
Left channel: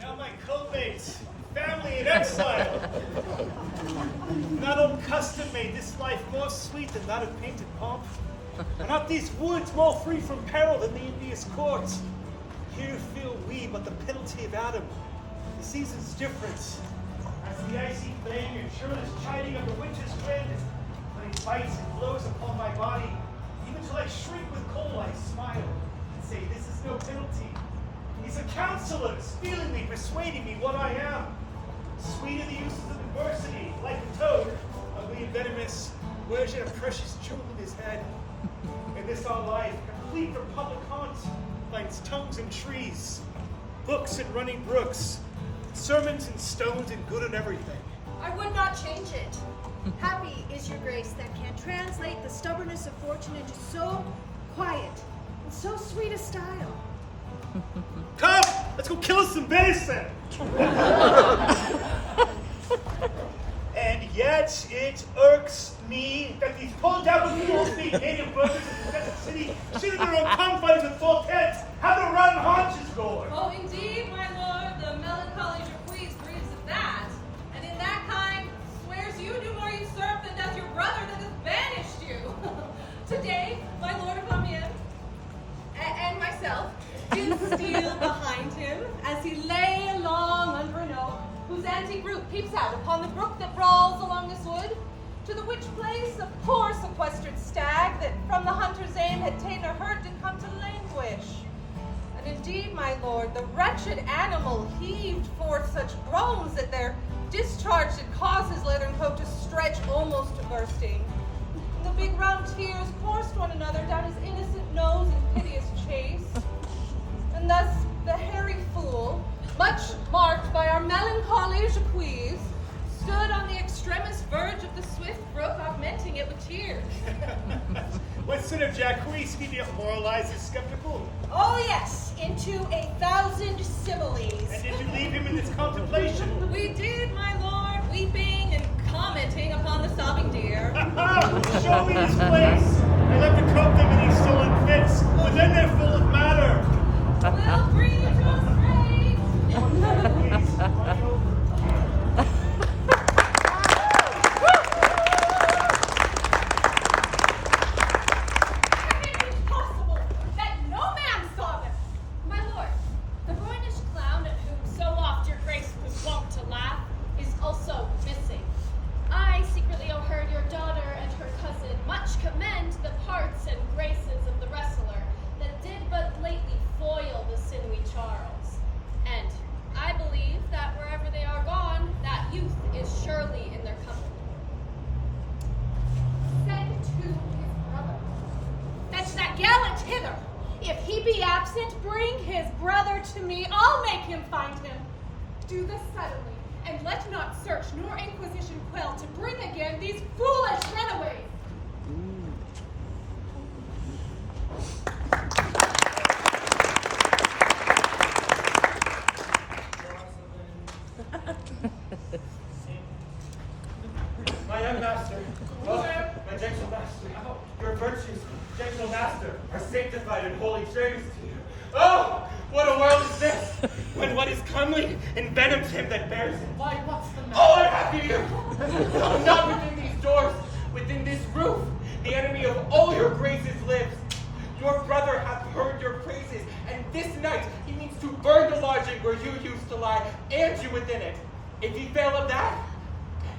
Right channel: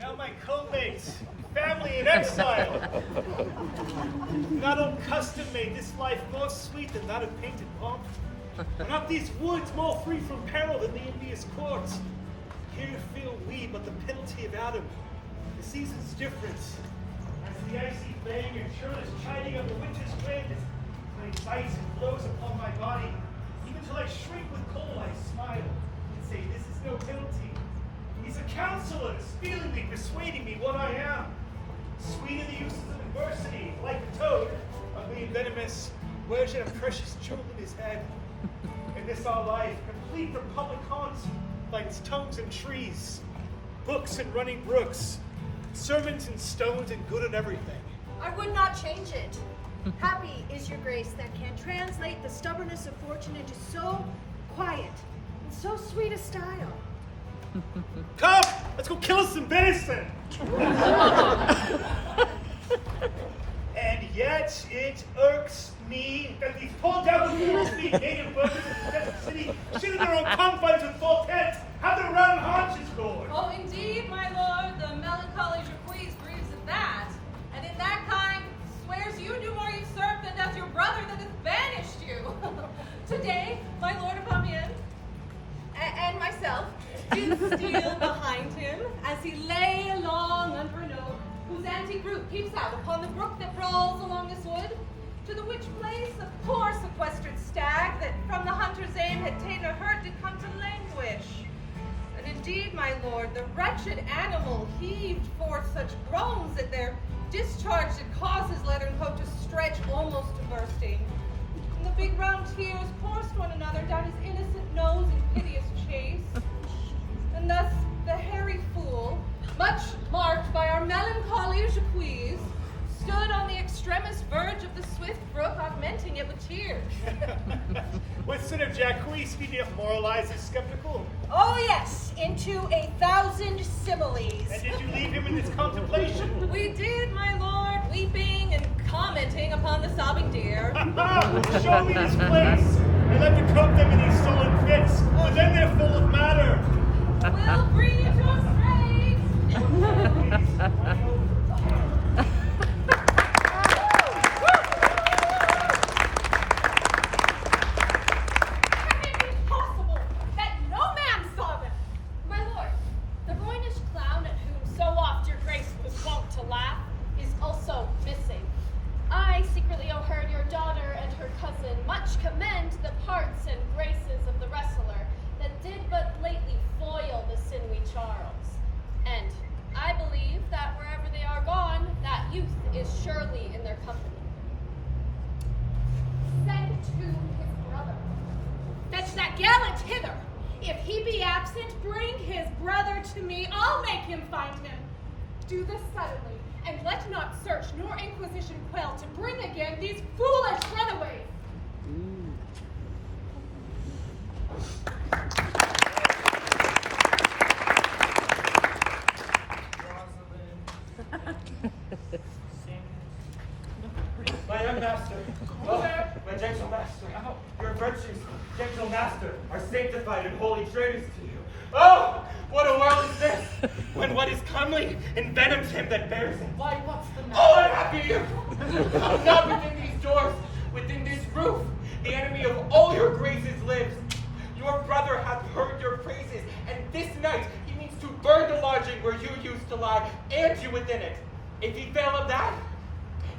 Now my co-mates, family in exile. Not on custom made this life more sweet than that of painted pomp. And not these woods more free from peril than the envious court. Here feel we but the penalty of Adam. The season's different. As the icy plague and churlish chiding of the winter's wind, when he bites and blows upon my body, even till I shriek with cold, I smile and say, this is no penalty. He's a counselor, feelingly persuading me what I am. Sweet are the uses of adversity, like a toad, ugly and venomous, wears yet a precious jewel in his head. In this our life, complete for public haunt, finds tongues and trees, books and running brooks, sermons and stones and good in everything. I would not change it. Happy is your grace that can translate the stubbornness of fortune into so quiet and so sweet a style. Come, let's go kill us some venison. And yet it irks me that these poor devil fools, these native brothers of the desert city, sit in their own confines with full tents, have their round haunches going. Oh, indeed, my lord, the melancholy Jacques grieves at that, and in that kind swears you do more usurp than does your brother that has banished you. Today, my lord of Amiens and myself did steal behind him as he lay along under an oak, whose antique root peeps out upon the brook that brawls along this wood, to the which place a poor sequestered stag that from the hunter's aim had ta'en a hurt did come to languish. And indeed, my lord, the wretched animal heaved forth such groans that their discharge did cause his leathern coat to stretch almost to bursting. And the big round tears coursed one another down his innocent nose in piteous chase. And thus the hairy fool, much marked by our melancholy Jacques, stood on the extremest verge of the swift brook, augmenting it with tears. What sort of Jacques need to moralize is skeptical? Oh yes, into 1,000 similes. And did you leave him in this contemplation? We did, my lord, weeping and commenting upon the sobbing deer. Show me this place. I love to coat them in these sullen fits, but then they're full of matter. We'll bring you to a Can it be possible that no man saw them? My lord, the ruinish clown at whom so oft your grace was wont to laugh is also missing. I secretly overheard your daughter and her cousin much commend the parts and graces of the wrestler that did but lately foil the sinewy Charles. And I believe that wherever they are repentant, bring his brother to me. I'll make him find him. Do this suddenly, and let not search nor inquisition quell to bring again these foolish runaways. My young master, oh, my gentle master, your virtues, gentle master, are sanctified and holy traitors to you. Oh, what a world is this, when what is comely envenoms him that bears it. Why, what's the matter? Oh, unhappy you! Come not within these doors, within this roof, the enemy of all your graces lives. Your brother hath heard your praises, and this night he means to burn the lodging where you used to lie, and you within it. If he fail of that,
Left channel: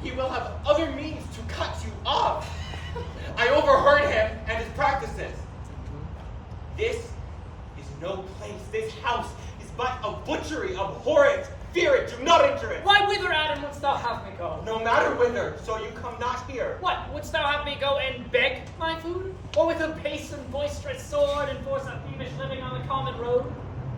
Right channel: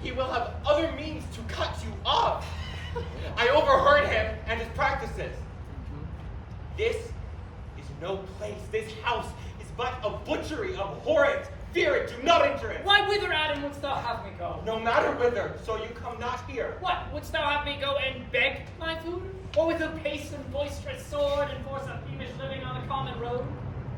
he will have other means to cut you off. I overheard him and his practices. This is no place. This house is but a butchery. Abhor it. Fear it. Do not enter it. Why, whither, Adam, wouldst thou have me go? No matter whither, so you come not here. What, wouldst thou have me go and beg my food? Or with a pace and boisterous sword enforce a thievish living on the common road?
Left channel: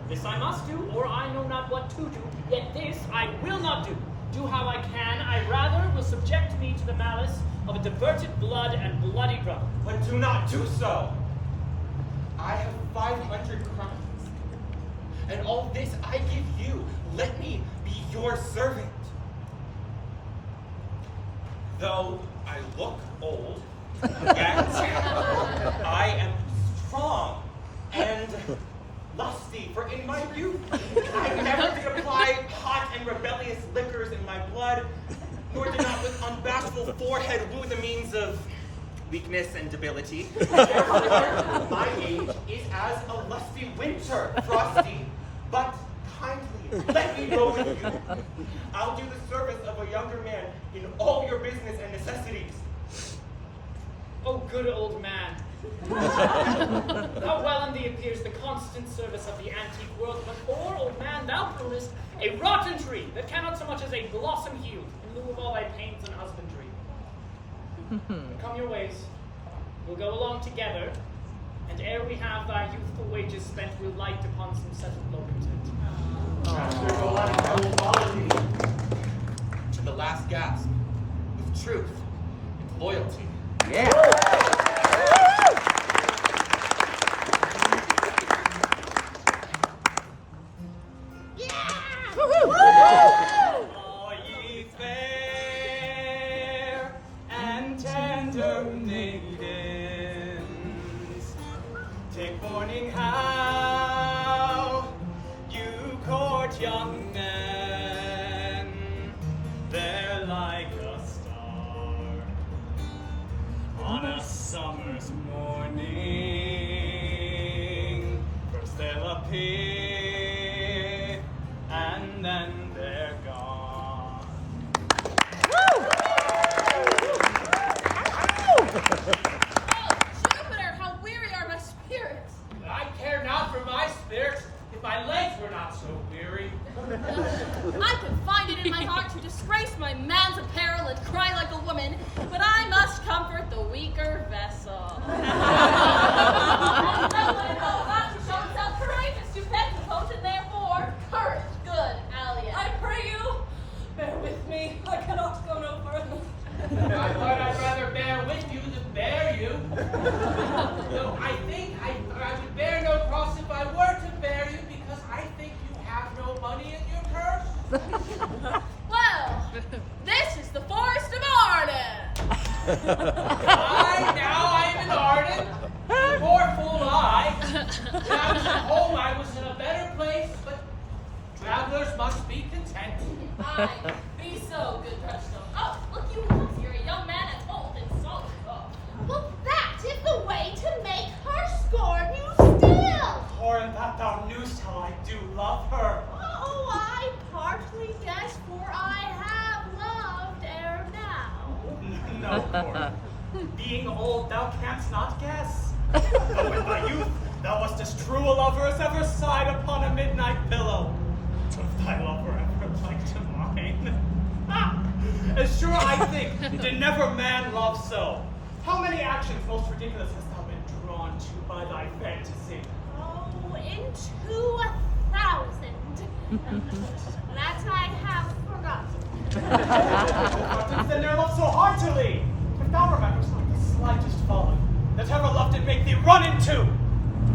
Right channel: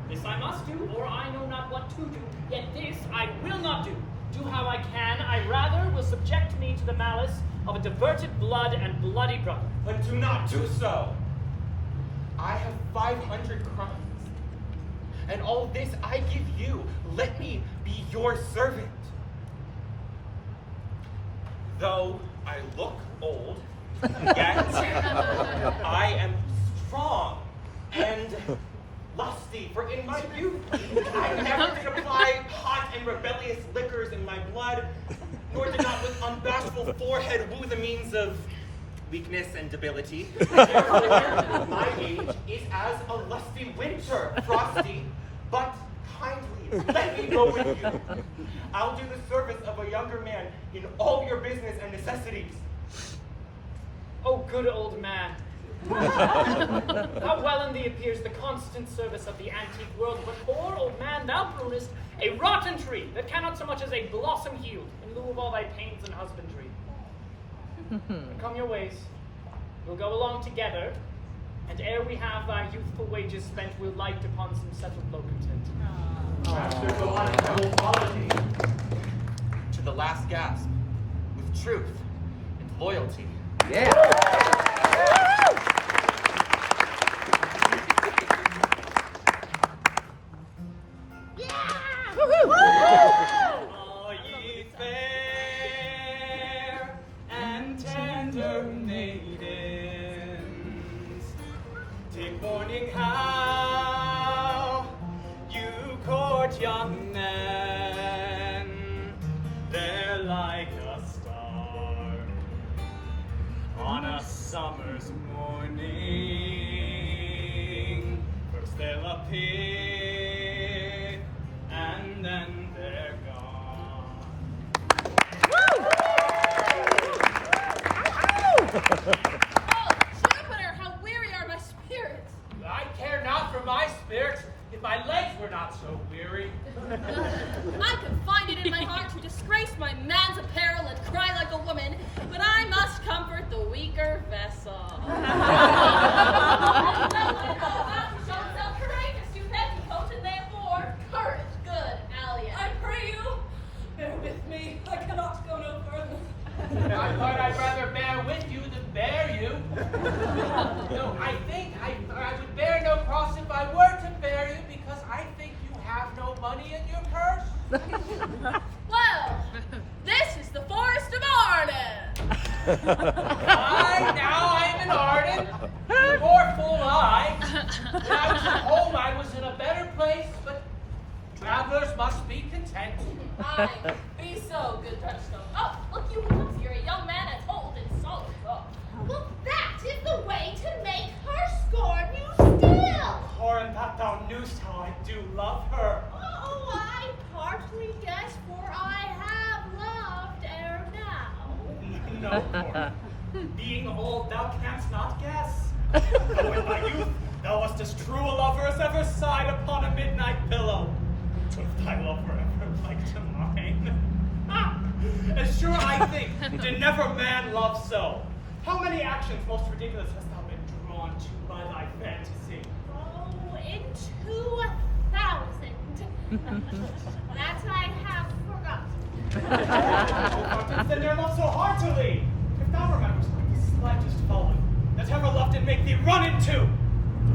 This I must do, or I know not what to do. Yet this I will not do. Do how I can, I rather will subject me to the malice of a diverted blood and bloody brother. But do not do so. I have 500 crimes. And all this I give you. Let me be your servant. Though I look old, yet I am strong and lusty, for in my youth I never did apply hot and rebellious liquors in my blood, nor did not with unbashful forehead woo the means of weakness and debility. Therefore, my age is as a lusty winter, frosty, but kindly. Let me go with you. I'll do the service of a younger man in all your business and necessities. Oh, good old man. How well in thee appears the constant service of the antique world, but poor old man, thou prunest a rotten tree that cannot so much as a blossom yield in lieu of all thy pains and husbandry. But come your ways, we'll go along together, and ere we have thy youthful wages spent, we'll light upon some settled low content. Master, go on and I will follow thee to the last gasp with truth and loyalty. All ye fair and tender maidens, take warning how you court young men. They're like a star on a summer's morning. First they'll appear, and then they're gone. Oh, Jupiter, how weary are my spirits. I care not for my spirits if my legs were not so weary. I could find it in my heart to disgrace my man's apparel and cry like a woman, but I must comfort the weaker vessel. Courageous to petticoat, and therefore courage, good Allian. I pray you, bear with me. I cannot go no further. I thought I'd rather bear with you than bear you. No, I think I would bear no cross if I were to bear you, because I think you have no money in your purse. Well, this is the Forest of Arden. Now I am in Arden. Poor fool I. When I was at home, I was in a better place, but travelers must be content. Aye, be so, good Touchstone. Oh, look you comes here, a young man and old and solid thought. Well, that is the way to make her scorn you still. Corin, that thou knewst how I do love her. Oh, I partly guess, for I have loved ere now. No, Corin. Being old, thou canst not guess. Though in thy youth thou wast as true a lover as ever sighed upon a midnight pillow. But if thy love were ever like to mine, as sure I think did never man love so. How many actions most ridiculous hast thou been drawn to by thy fantasy? Oh, into 1,000. That I have forgotten. Then there love so heartily. If thou remembers not the slightest folly that ever love did make thee run into,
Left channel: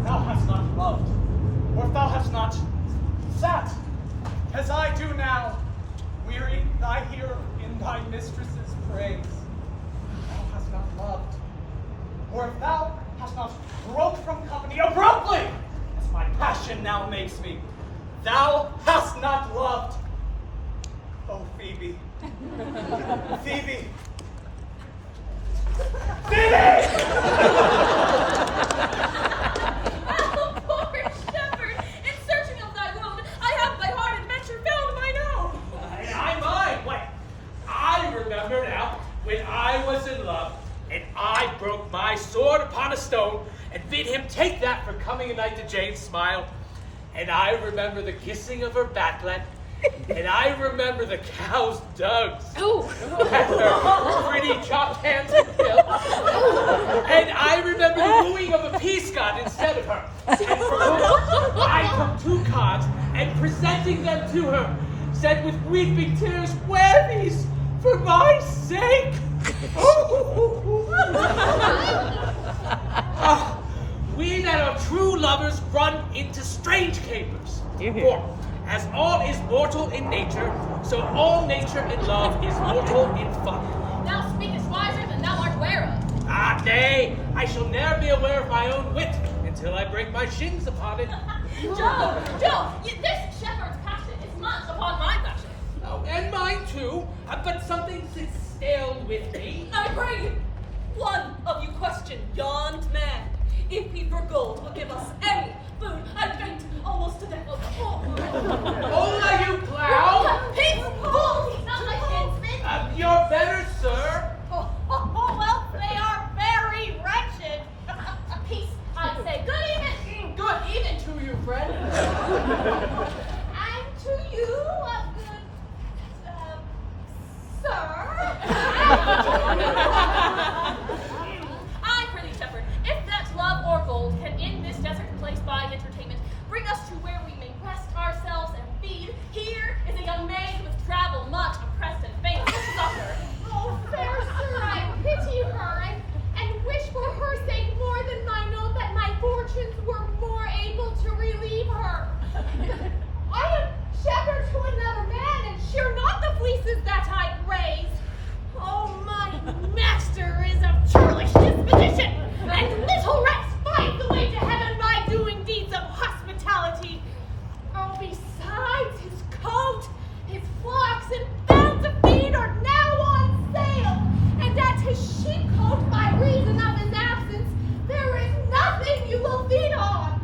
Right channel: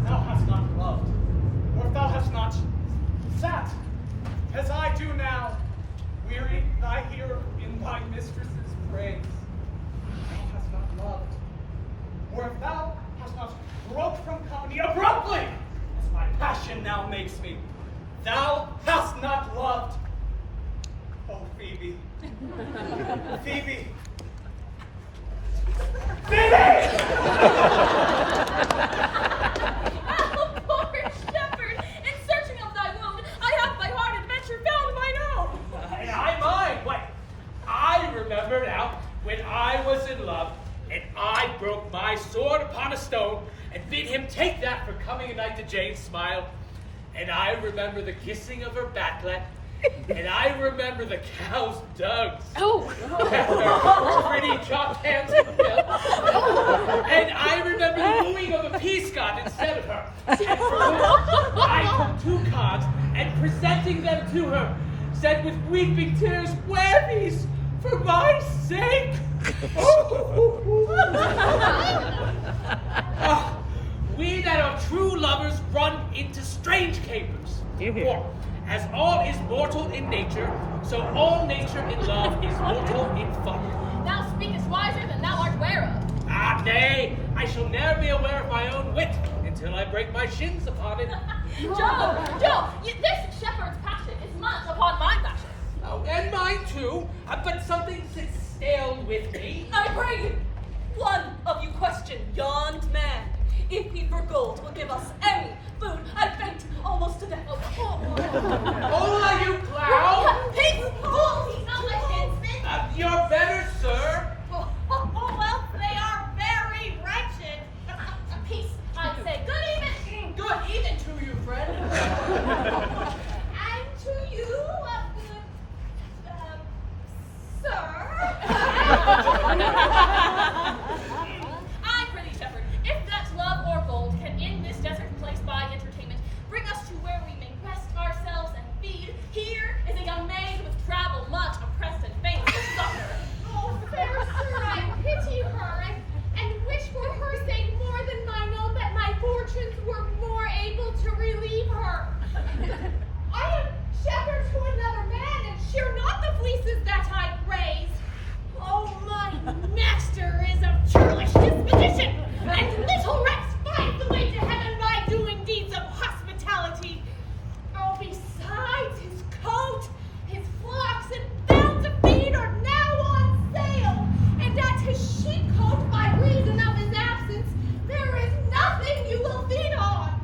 thou hast not loved, or if thou hast not sat, as I do now, wearying thy ear in thy mistress's praise. Thou hast not loved, or if thou hast not broke from company abruptly, as my passion now makes me, thou hast not loved. Oh, Phoebe. Phoebe. Phoebe! Oh, poor shepherd! In searching of thy wound, I have by hard adventure found mine own. And I mine. Why, I remember now when I was in love, and I broke my sword upon a stone, and bid him take that for coming a night to Jane's smile. And I remember the kissing of her backlet, and I remember the cow's dugs. Oh. And her pretty chopped hands and bill. And I remember the wooing of a peascod instead of her. And for which I took 2 cards, and presenting them to her, said with weeping tears, "Wear these for my sake." We that are true lovers run into strange capers. For as all is mortal in nature, so all nature in love is mortal in fun. Thou speakest wiser than thou art ware of. Ah, nay, I shall ne'er be aware of my own wit until I break my shins upon it. Joe, this shepherd's passion is much upon my passion. Oh, and mine too, but something sits stale with me. I pray you, one of you question yond man. If he for gold will give us any food, I faint almost to death. Hola, you clown! Peace! Oh, he's not my kinsman. You're better, sir. Well, they are very wretched. Peace, I say. Good evening. Good evening to you, friend. And to you, sir. I prithee, shepherd, if that love or gold can in this desert place by entertainment bring us to where we may rest ourselves and feed, here is a young maid who has traveled much, oppressed and faint with succor. Oh, fair sir, I pity her and wish for her sake more than I know that my fortunes were more able to relieve her. I am shepherd to another man, and share not the fleeces that I raise. Oh, my master is of churlish disposition, and little rest finds the way to heaven by doing deeds of hospitality. Oh, besides his coat, his flocks and bounds of feed are now on sale, and at his sheepcote, by reason of his absence, there is nothing you will feed on.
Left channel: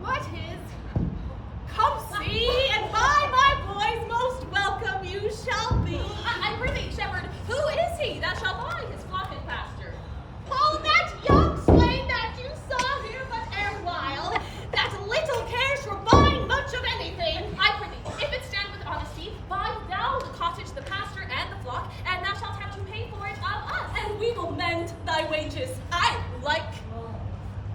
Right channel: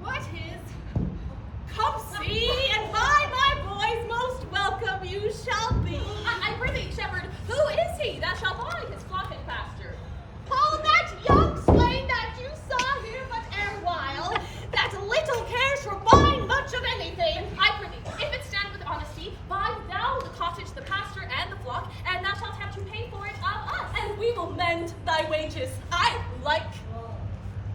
What is? Come see, and by my boys most welcome you shall be. I prithee, shepherd, who is he that shall buy his flock and pasture? Oh, that young swain that you saw here but erewhile, that little cares for buying much of anything. I prithee, if it stand with honesty, buy thou the cottage, the pasture, and the flock, and thou shalt have to pay for it of us, and we will mend thy wages. I like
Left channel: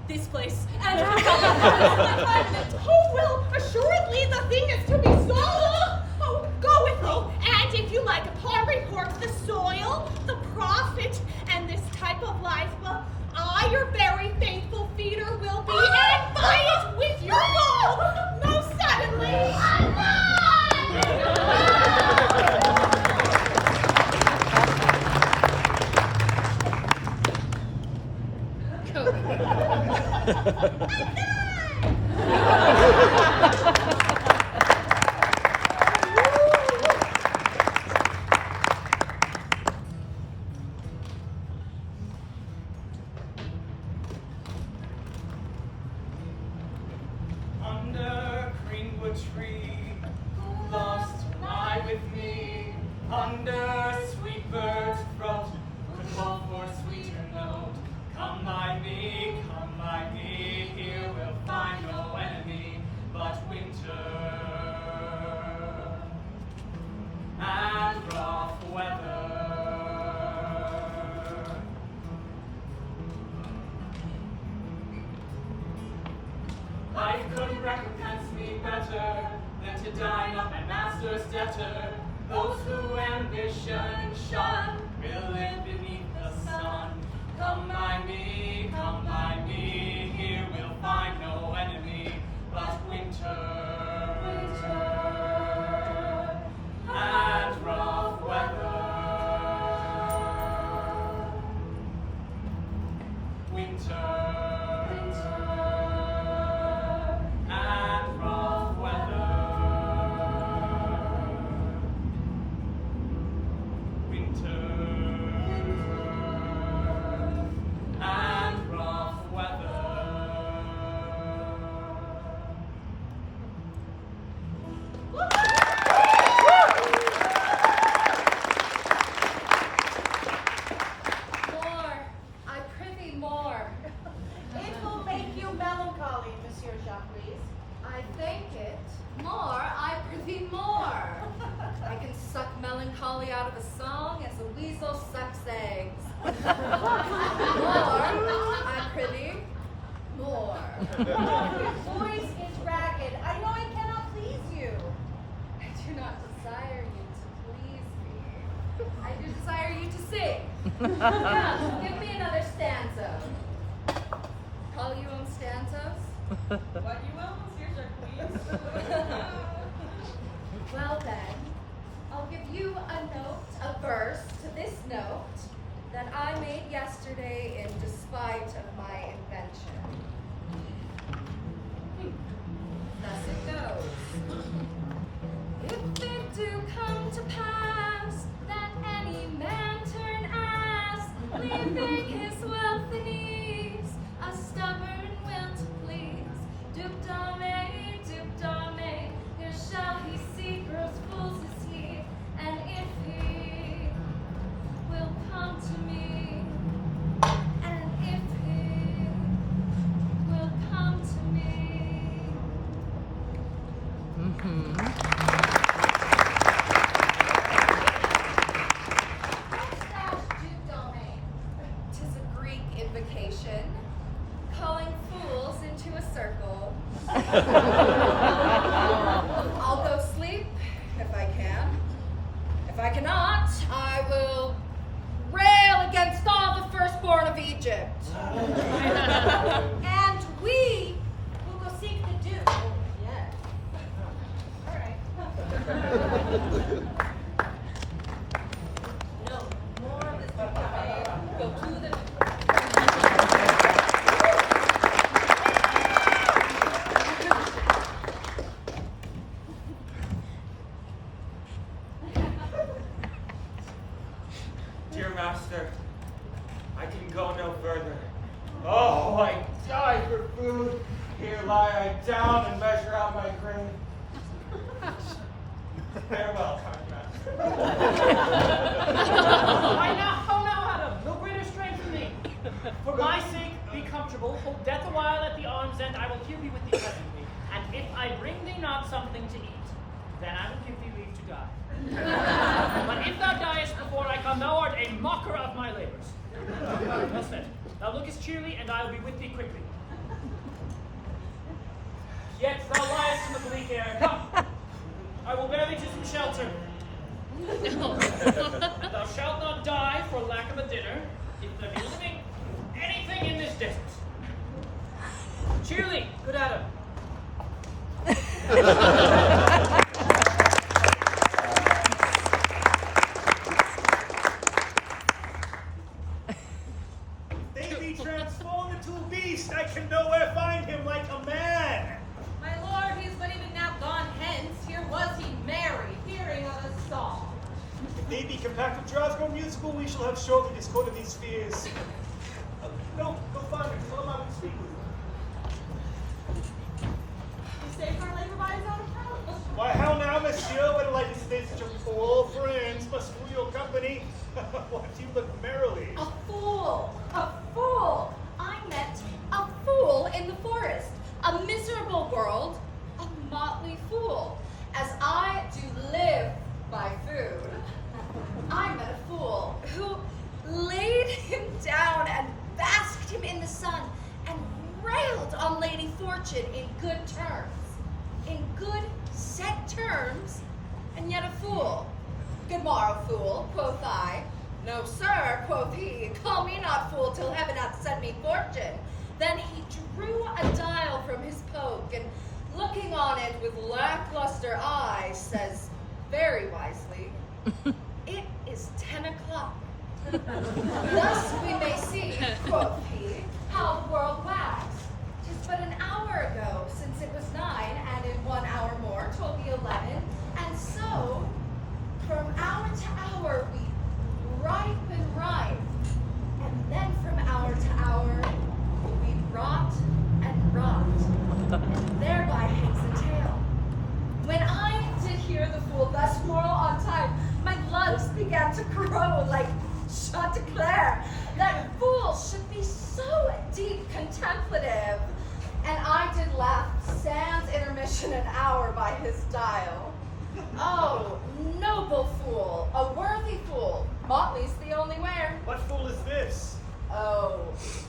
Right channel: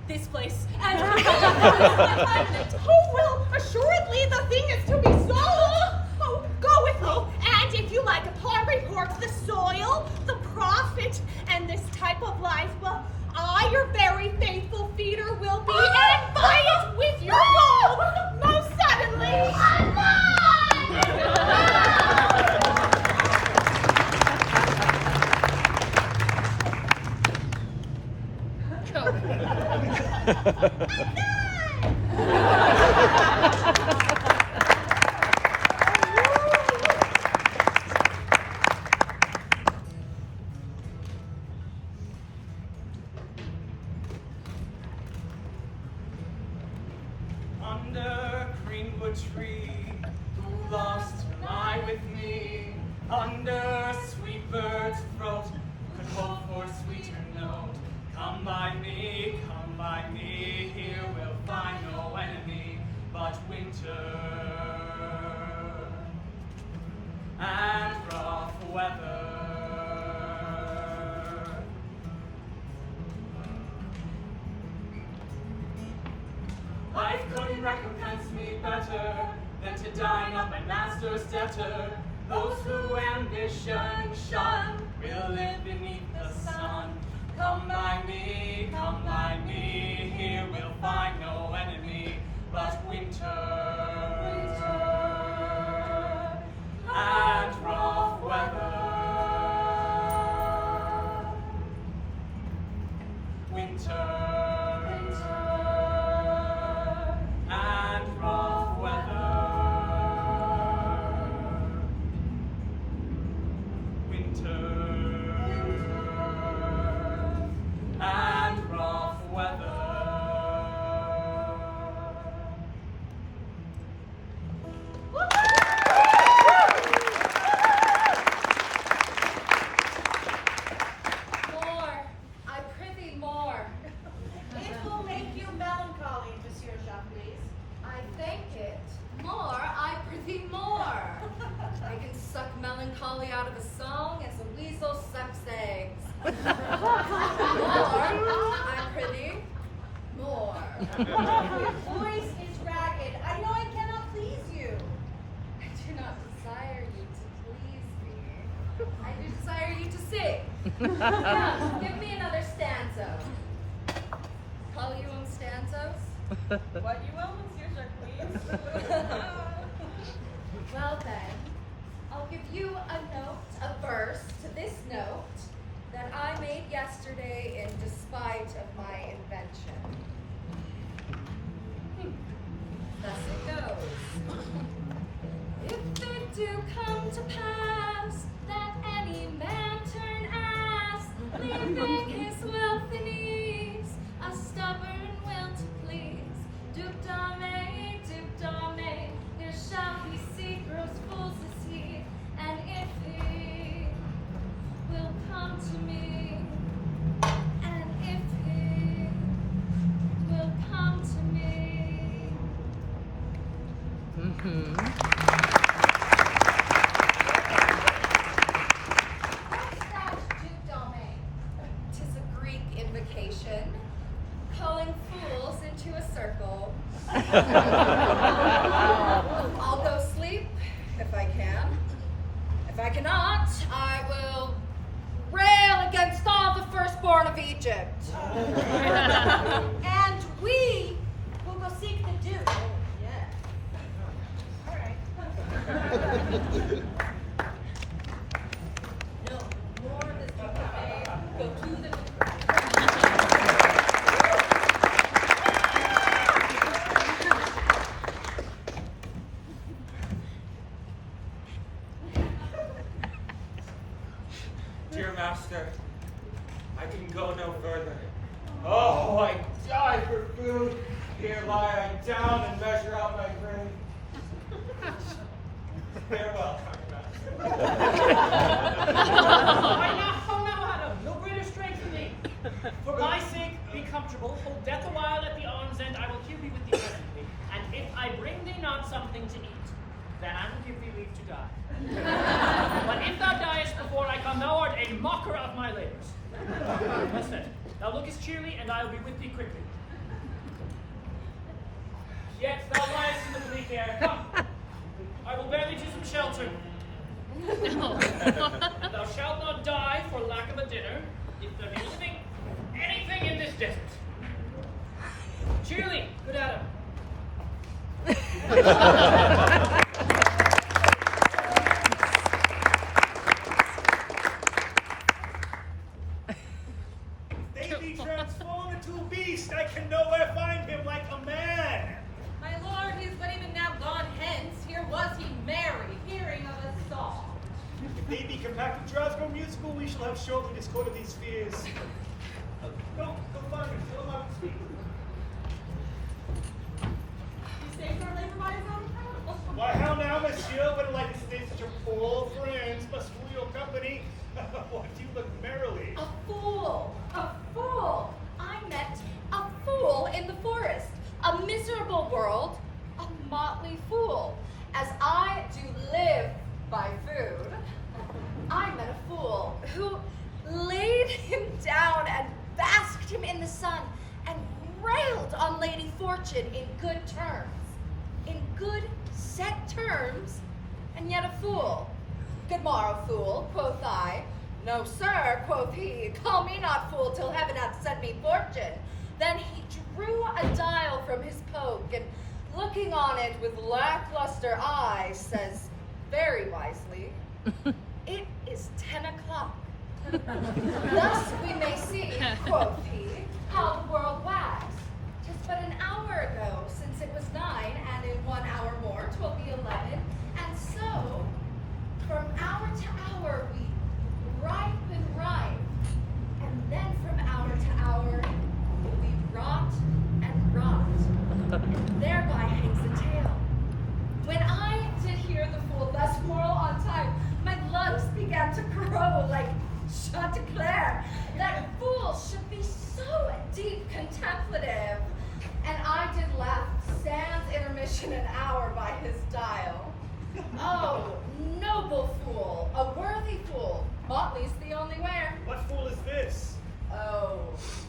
this place, and my time in it. Oh, well, assuredly the thing is to be sold. Oh, go with me, and if you like upon report the soil, the profit, and this type of life, well, I, your very faithful feeder, will be, and buy it with your gold, most suddenly. Under greenwood tree, who loves to lie with me? Under sweet bird's throat, who could hope for sweeter note? Come by me, here we'll find no enemy but winter and rough weather. Life couldn't recompense me better than to dine on my master's debtor. Those who ambition shun will live beneath the sun. Come by me, here we'll find no enemy but winter. And rough weather. Winter. And rough weather. Winter. And rough weather. More, I prithee more. It will make you melancholy, Monsieur Jacques. I thank it. More, I prithee more. I can suck melancholy out of a song as a weasel sucks eggs. More, I prithee, more. Your voice is ragged. I know I cannot please you. I do not desire you to please me. I do desire you to sing. Come, give me another stanza. Call you stanzas? What you will, Monsieur Jacques. Well then, I'll give you a note, a verse to this note that I made yesterday in despite of my invention. Thus it goes. If it do come to pass that any man turn ass, leaving his wealth and ease, a stubborn will to please, Duke Dame, here shall he see gross fools is he, and if he will come to me, and if he will come to me. Duke Domain. 'Tis a Greek invocation, calling fools into a circle. I'll go sleep if I can. If I cannot, I will rail against all the firstborn of Egypt. And we will go seek the Duke. Yes. All right. No, more of this. Go to the. Dear master, I can go no further. Oh, I die for food. Here lie I down and measure out my grain. Farewell, kind master. Right now, how now, Adam? No greater strength for thee. For my sake, be comfortable. Hold death a while at the arm's end. I will here be with thee presently. And if I bring thee not something to eat, then I will give thee leave to die. But if thou diest before I come, thou art a mocker of my labors. Well said. Thou lookest cheerly, and I will be with thee quickly. Yet thou liest in the bleak air. Come, I will bear thee to some shelter. Thou shalt not die for lack of a dinner, if there be living anything in this desert. Cheerly, good Adam. They be transformed into a beast. I can nowhere find him like a man. My lord, he is but even now gone hence. Here was he merry, hearing of a song. If they be compact with Glasgow musical, we shall have surely discorded these fears. Go find him. Tell him I would speak with him. You stay for labor by his own account. Why, how now, monsieur, when light is face such a poor friends must rule your company? What do you look merrily? A fool! A fool! I met a fool in the forest. A miserable world, a motley fool. As I do live by food, I met a fool who laid him down and basked him in the sun and railed on Lady Fortune in good terms. In good, set terms, and yet a fool. Good morrow, fool, quoth I. No, sir, quoth he, call me not fool till heaven hath sent me fortune. Then he drew a dial from his poke, and looking on it with lackluster eyes, says very wisely, it is 10 o'clock. Thus we may see, quoth he, how the world wags. 'Tis but an hour ago since it was 9, and in 1 hour more 'twill be 11, and so from hour to hour we ripe and ripe, and then from hour to hour we rot and rot, and thereby hangs a tale. When I did hear the fool thus moral on time, my lungs began to grow like Chanticleer, that fools should be so deep contemplative. And I did laugh sans intermission an hour by his dial. Oh, noble fool, a worthy fool, motley's the only wear. What fool is this? Oh,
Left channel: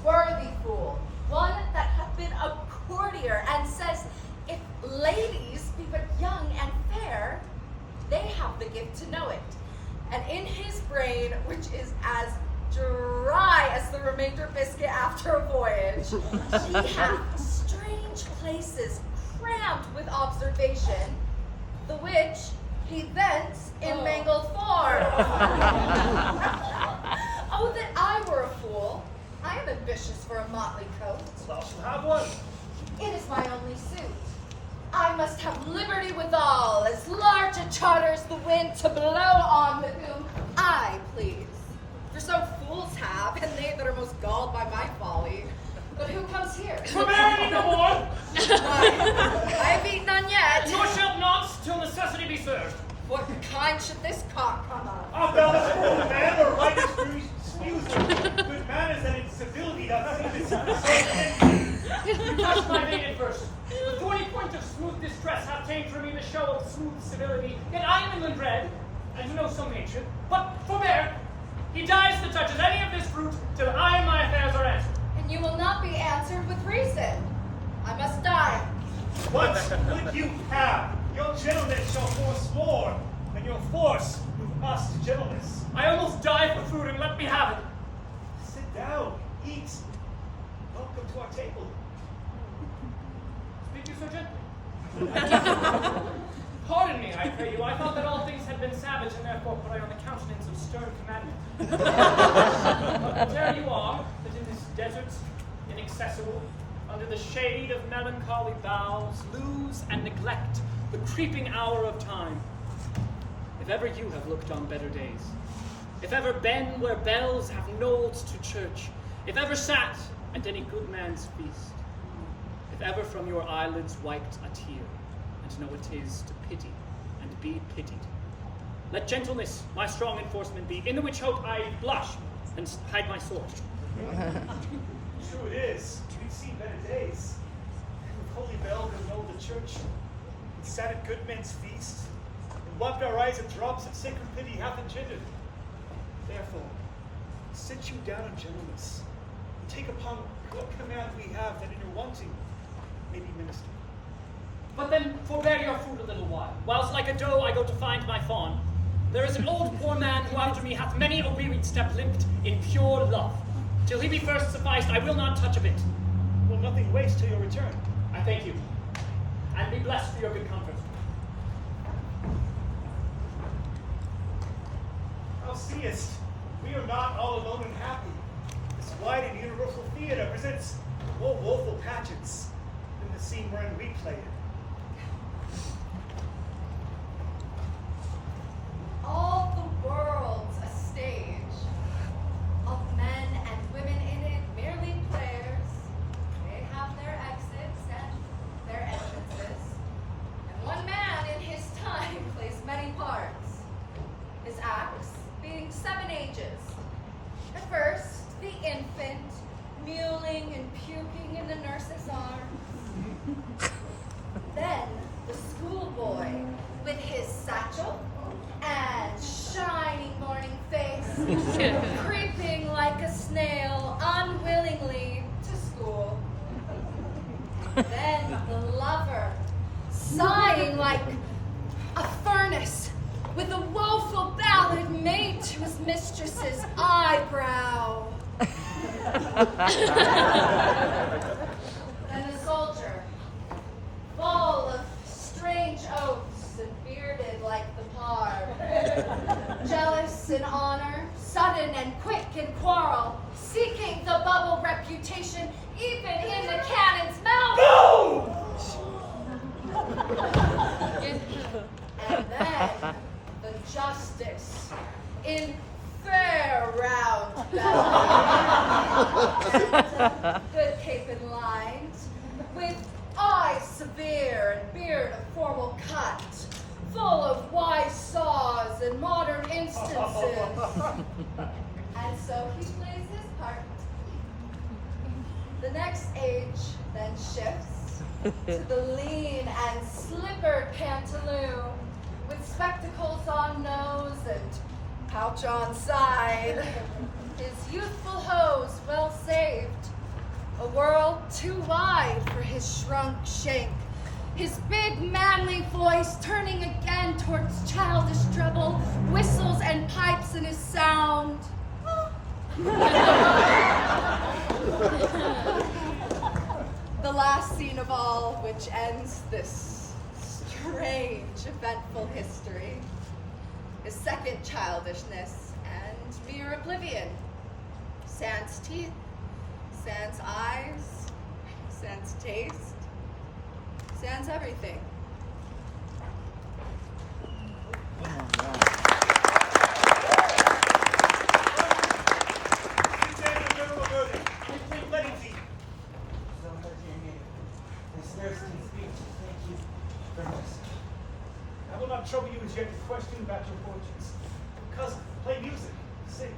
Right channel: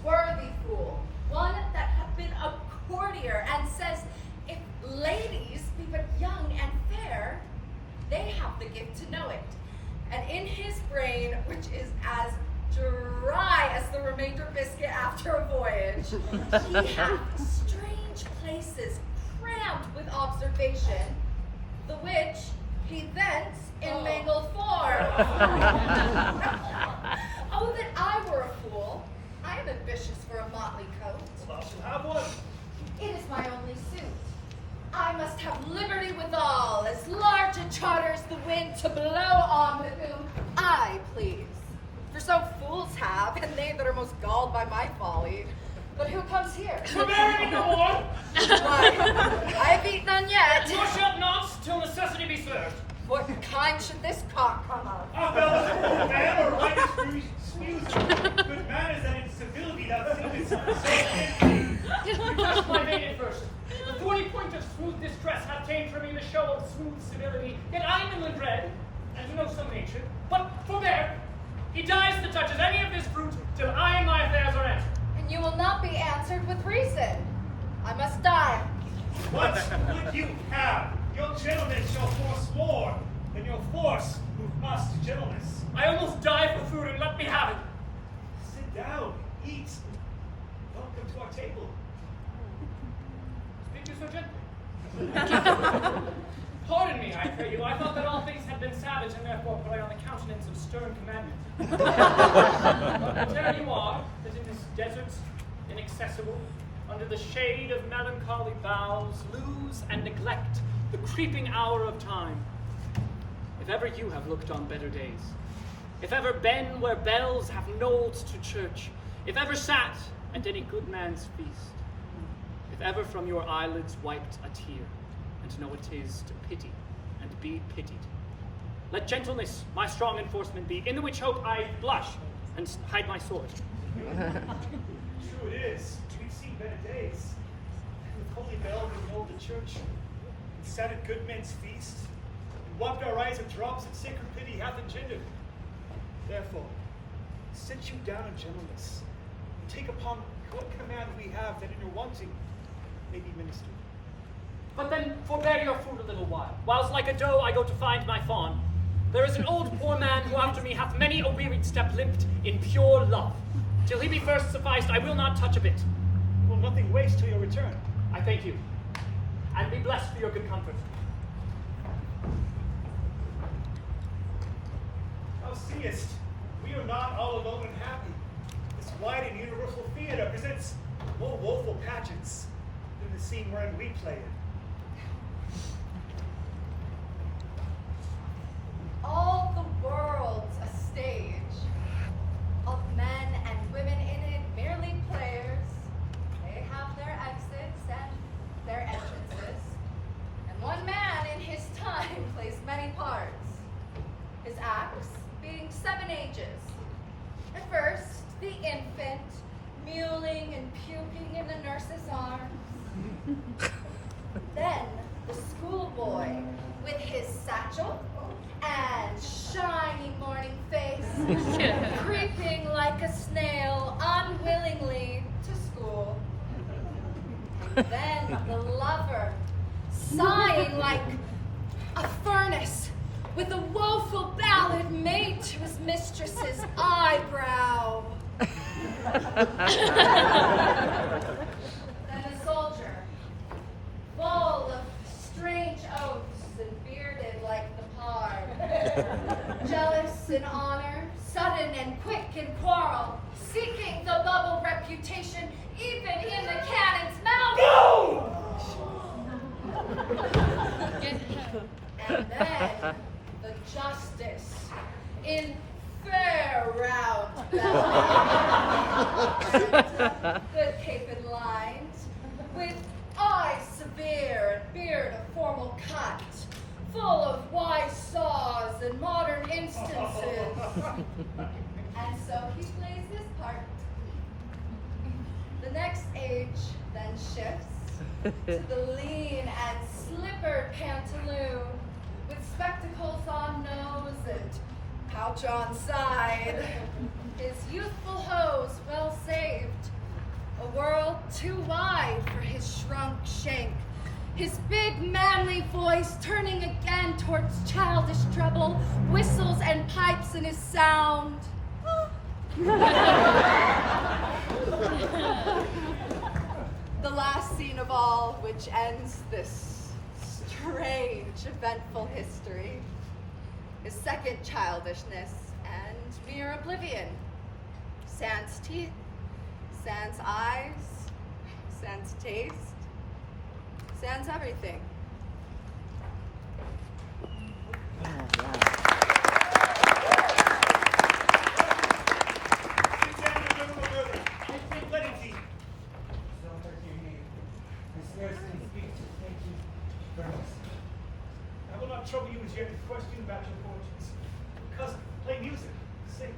worthy fool, one that hath been a courtier, and says, if ladies be but young and fair, they have the gift to know it. And in his brain, which is as dry as the remainder biscuit after a voyage, he hath strange places crammed with observation, the which he thence in mangled form. Oh, that I were a fool. I am ambitious for a motley coat. Thou shalt have one. It is my only suit. I must have liberty withal, as large a charter as the wind to blow on with whom I please. For so fools have, and they that are most galled by my folly. But who comes here? Forbearing no more! Why, I have eaten none yet. Nor shalt not till necessity be served. What kind should this cock come of? A bell's old man, or right excuse good manners and incivility doth seem You touched my vein in verse. The 40 point of smooth distress hath tamed for me the show of smooth civility. Yet I am inland bred, and know some ancient. But forbear, he dies that touches any of this fruit till I and my affairs are answered. And you will not be answered with reason. I must die. What would you have? Your gentlemen shall force more than your force move us to gentleness. I almost die for food, and let me have it. Sit down, eat. Welcome to our table. Speak you so gently. Pardon me, I pray you. I thought that all things had been savage, and therefore put I on the countenance of stern commandment. But there you are, that in this desert, inaccessible, under the shade of melancholy boughs, lose and neglect the creeping hour of time. If ever you have looked on better days, if ever been where bells have knolled to church, if ever sat at any good man's feast, if ever from your eyelids wiped a tear, and know it is to pity and be pitied, let gentleness my strong enforcement be, in the which hope I blush and hide my sword. True it is. We've seen better days. With holy bell we know the church, and sat at good men's feast, and wiped our eyes at drops that sacred pity hath engendered. Therefore, sit you down in gentleness, and take upon what command we have, that in your wanting may be ministered. But then forbear your food a little whilst like a doe I go to find my fawn. There is an old poor man who after me hath many a wearied step limped in pure love. Till he be first sufficed, I will not touch a bit. Will nothing waste till your return. I thank you, and be blessed for your good comfort. Thou seest, we are not all alone and happy. This wide and universal theater presents more woeful pageants than the scene wherein we play it. All the world's a stage, of men and women in it, merely players. They have their exits and their entrances, and one man in his time plays many parts, his acts being 7 ages. At first, the infant, mewling and puking in the nurse's arms. Then, the schoolboy, with his satchel and shining morning face, creeping like a snail unwillingly to school. the lover, sighing like a furnace, with a woeful ballad made to his mistress's eyebrow. Then a soldier, full of strange oaths and bearded like the parb, jealous in honor, sudden and quick in quarrel, seeking the bubble reputation even in the cannon's mouth. No! And then the justice in fair round belly, good cape and lines, with eyes severe and beard of formal cut, full of wise saws and modern instances. And so he plays his part. The next age then shifts to the lean and slippered pantaloon, with spectacles on nose and pouch on side, his youthful hose well saved, a world too wide for his shrunk shank, his big manly voice turning again towards childish treble, whistles and pipes in his sound. The last scene of all, which ends this strange, eventful history, is second childishness and mere oblivion. Sans teeth, sans eyes, sans taste, sans everything. I will not trouble you as yet to question about your fortunes. Cousin, play music, sing.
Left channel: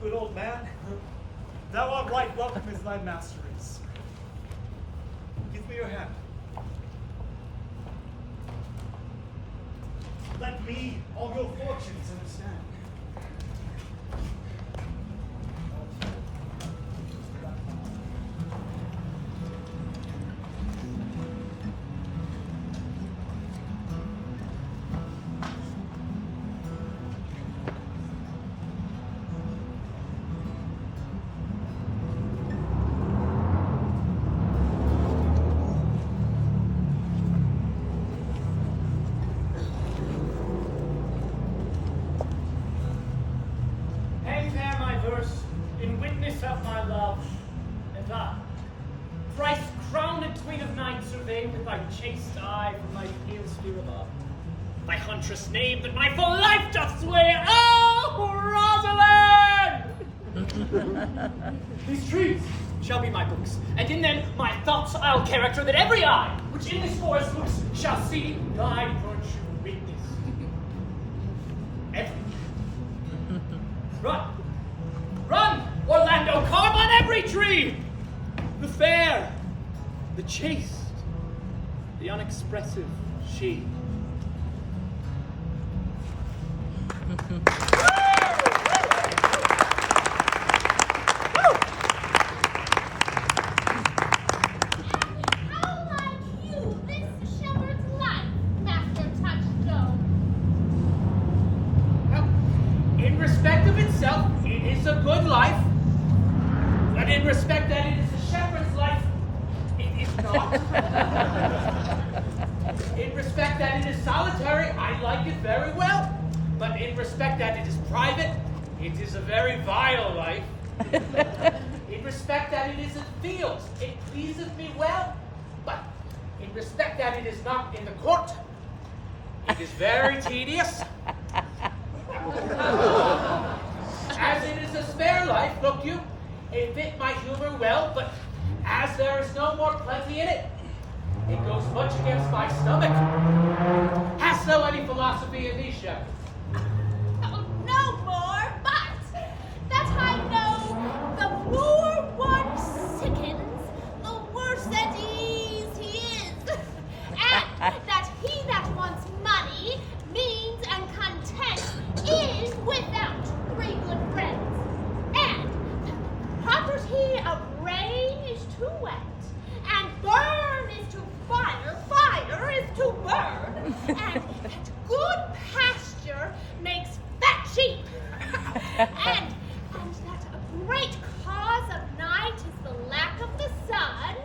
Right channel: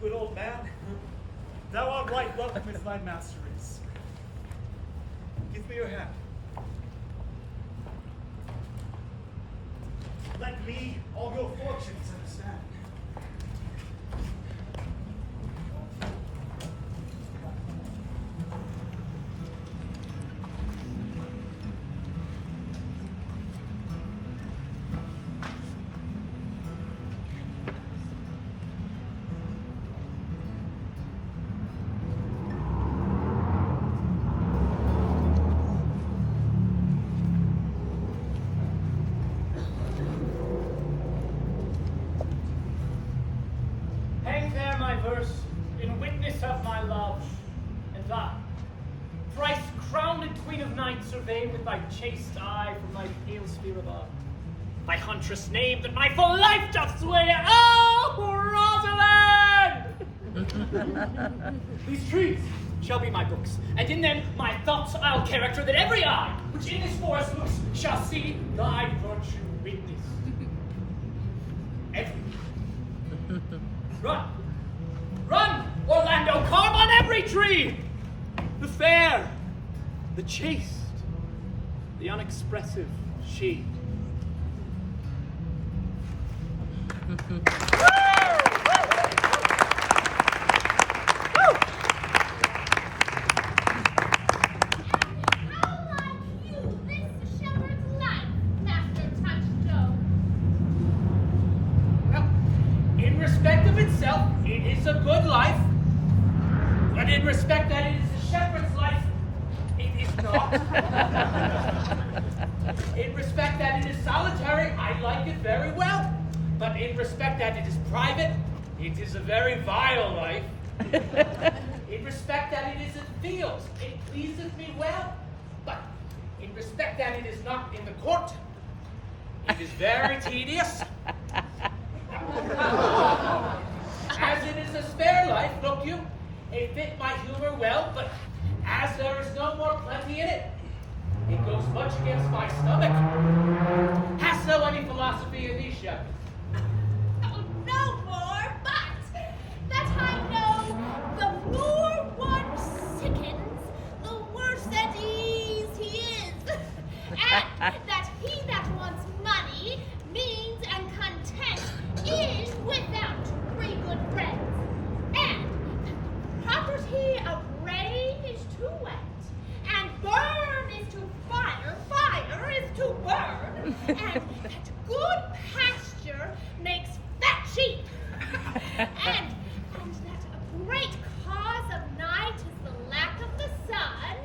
Good old man, thou art right welcome as thy master is. Give me your hand. let me all your fortunes understand. Hang there my verse, in witness of my love, and I, thrice crowned queen of night, survey with thy chaste eye from thy pale sphere above. Thy huntress name that my full life doth swear, oh, Rosalind! These trees shall be my books, and in them my thoughts I'll character, that every eye which in this forest looks shall see thy virtue witness. Every Run! Run, Orlando! Carve on every tree! The fair, the chaste, the unexpressive she. How like you, this shepherd's life, Master Touchstone? Well, in respect of itself, it is a good life. But in respect that it is a shepherd's life, it is not. In respect that it is solitary, I like it very well. But in respect that it is private, it is a very vile life. In respect that it is in fields, it pleases me well. But in respect that it is not in the court, it is very tedious. As it is a spare life, look you, it fit my humor well, but as there is no more plenty in it, it goes much against my stomach. Hast thou any philosophy in thee, shepherd? Oh, no more, but that I know the more one sickens, the worse at ease he is. And that he that wants money, means, and content is without three good friends. And property of rain is too wet, and burn is too fire, fire is too burn, and that good pasture makes fat sheep. and that a great cause of night is the lack of the sun,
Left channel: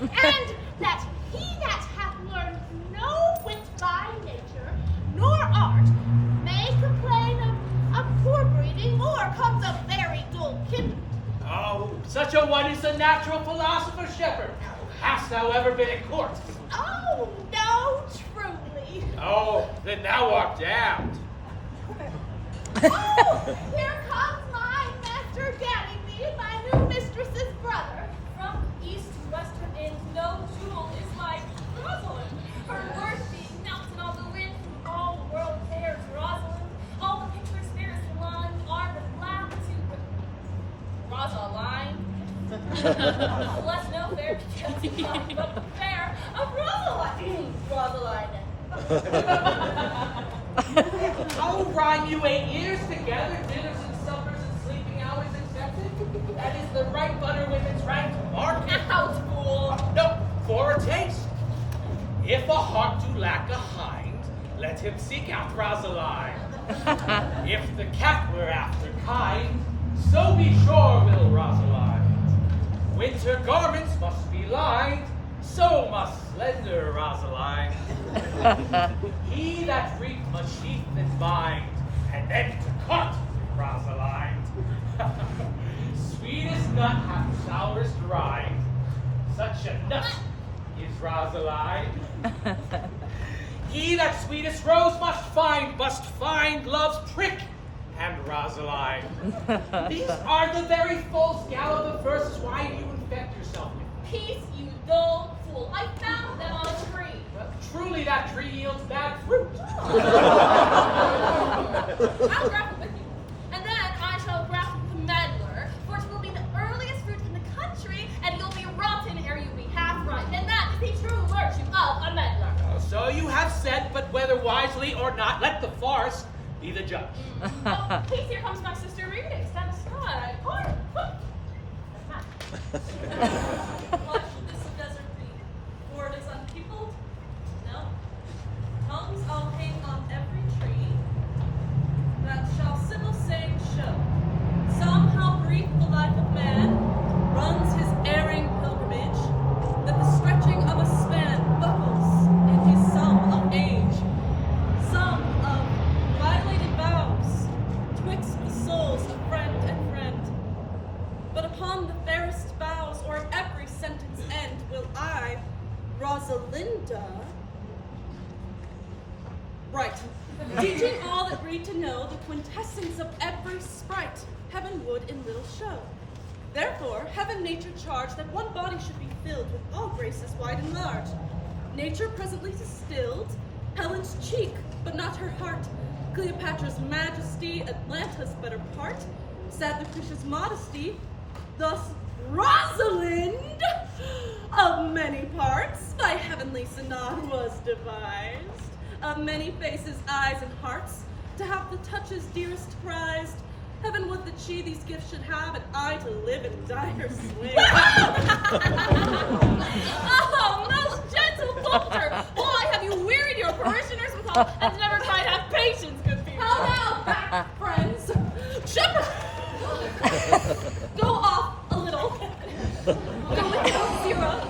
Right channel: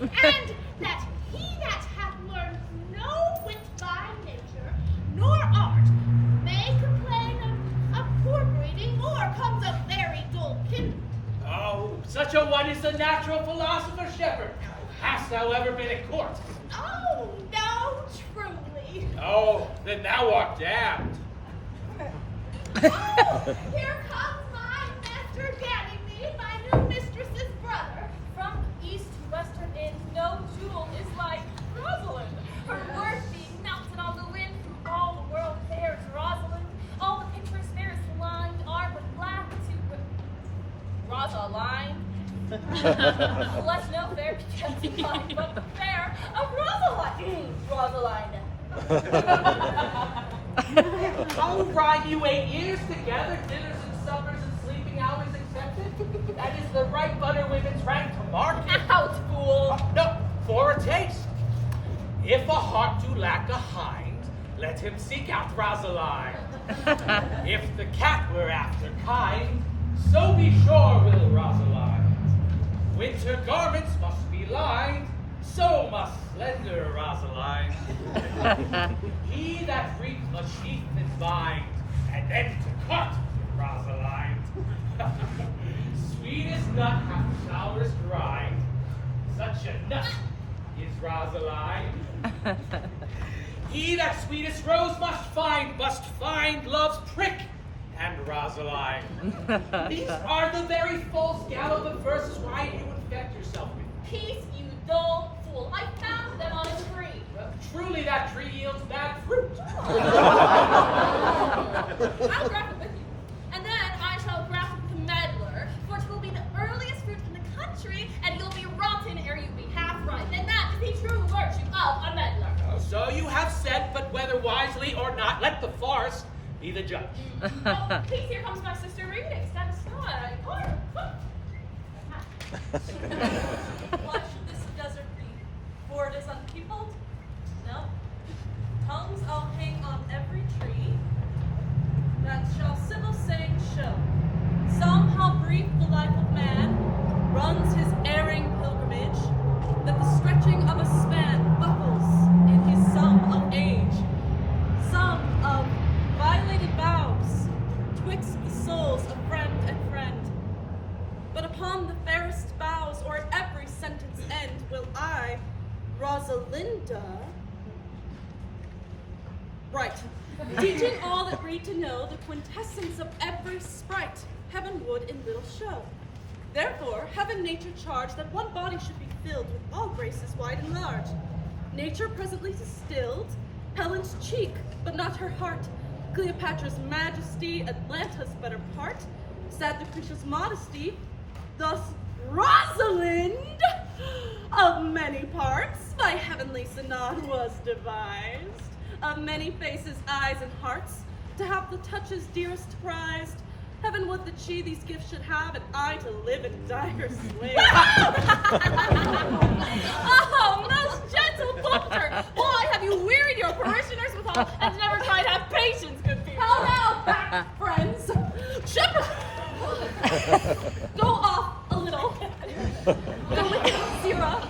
and that he that hath learned no wit by nature, nor art, may complain of poor breeding, or comes of very dull kidney. Oh, such a one is a natural philosopher, shepherd. Hast thou ever been at court? Oh, no, truly. Oh, then thou art damned. Oh, here comes my master Ganymede, my new mistress's brother. From east to western ends, no jewel is like Rosalind. Her worth being melted on the wind through all the world fares Rosalind. All the pictures fairest lines are but black to Rosaline. Bless no fair to testify, but the fair of Rosalind. Rosaline. Oh, rhyme you 8 years together, dinners and suppers and sleeping hours accepted? That is the right butter women's rank to market. Out, fool. No, for a taste. If a heart do lack a hind, let him seek out Rosaline. If the cat were after kind, so be sure will Rosaline. Winter garments must be lined, so must slender Rosaline. He that reap must sheath and bind, and then to cut with Rosaline. Sweetest nut hath showers dried, such a nut is Rosaline. He that sweetest rose must find love's prick and Rosaline. These are the very full scallop of verses. Why do you infect yourself with them? Peace, you dull fool. I found them on a tree. Well, truly that tree yields bad fruit. I'll graph it with you. And then I shall graph it with the meddler, for it will be the earliest fruit in the country, and you'll be rotten ere you be half ripe. And that is the true virtue of a meddler. So you have said, but whether wisely or not, let the forest be the judge. Oh, please, here comes my sister reading. Stand aside. Why should this a desert be? For it is unpeopled? No. Tongues I'll hang on every tree that shall civil saying show. Some how brief the life of man runs his erring pilgrimage, that the stretching of a span buckles in his sum of age. Some of violating vows twixt the souls of friend and friend. But upon the fairest vows or at every sentence end will I, Rosalinda, write, teaching all that read to know the quintessence of every sprite heaven would in little show. Therefore, heaven nature charged that one body should be filled with all graces wide and large. Nature presently distilled Helen's cheek, but not her heart, Cleopatra's majesty, Atlanta's better part, sad Lucretia's modesty, thus Rosalind, of many parts, by heavenly synod was devised, of many faces, eyes, and hearts, to have the touches dearest prized. Heaven would that she these gifts should have, and I to live and die her slave. Oh, most gentle Poulter! Why have you wearied your parishioners with all, and never tried to have patience, good people? How now, back, friends? Shepherd! Go off a little. Go with it, Zira.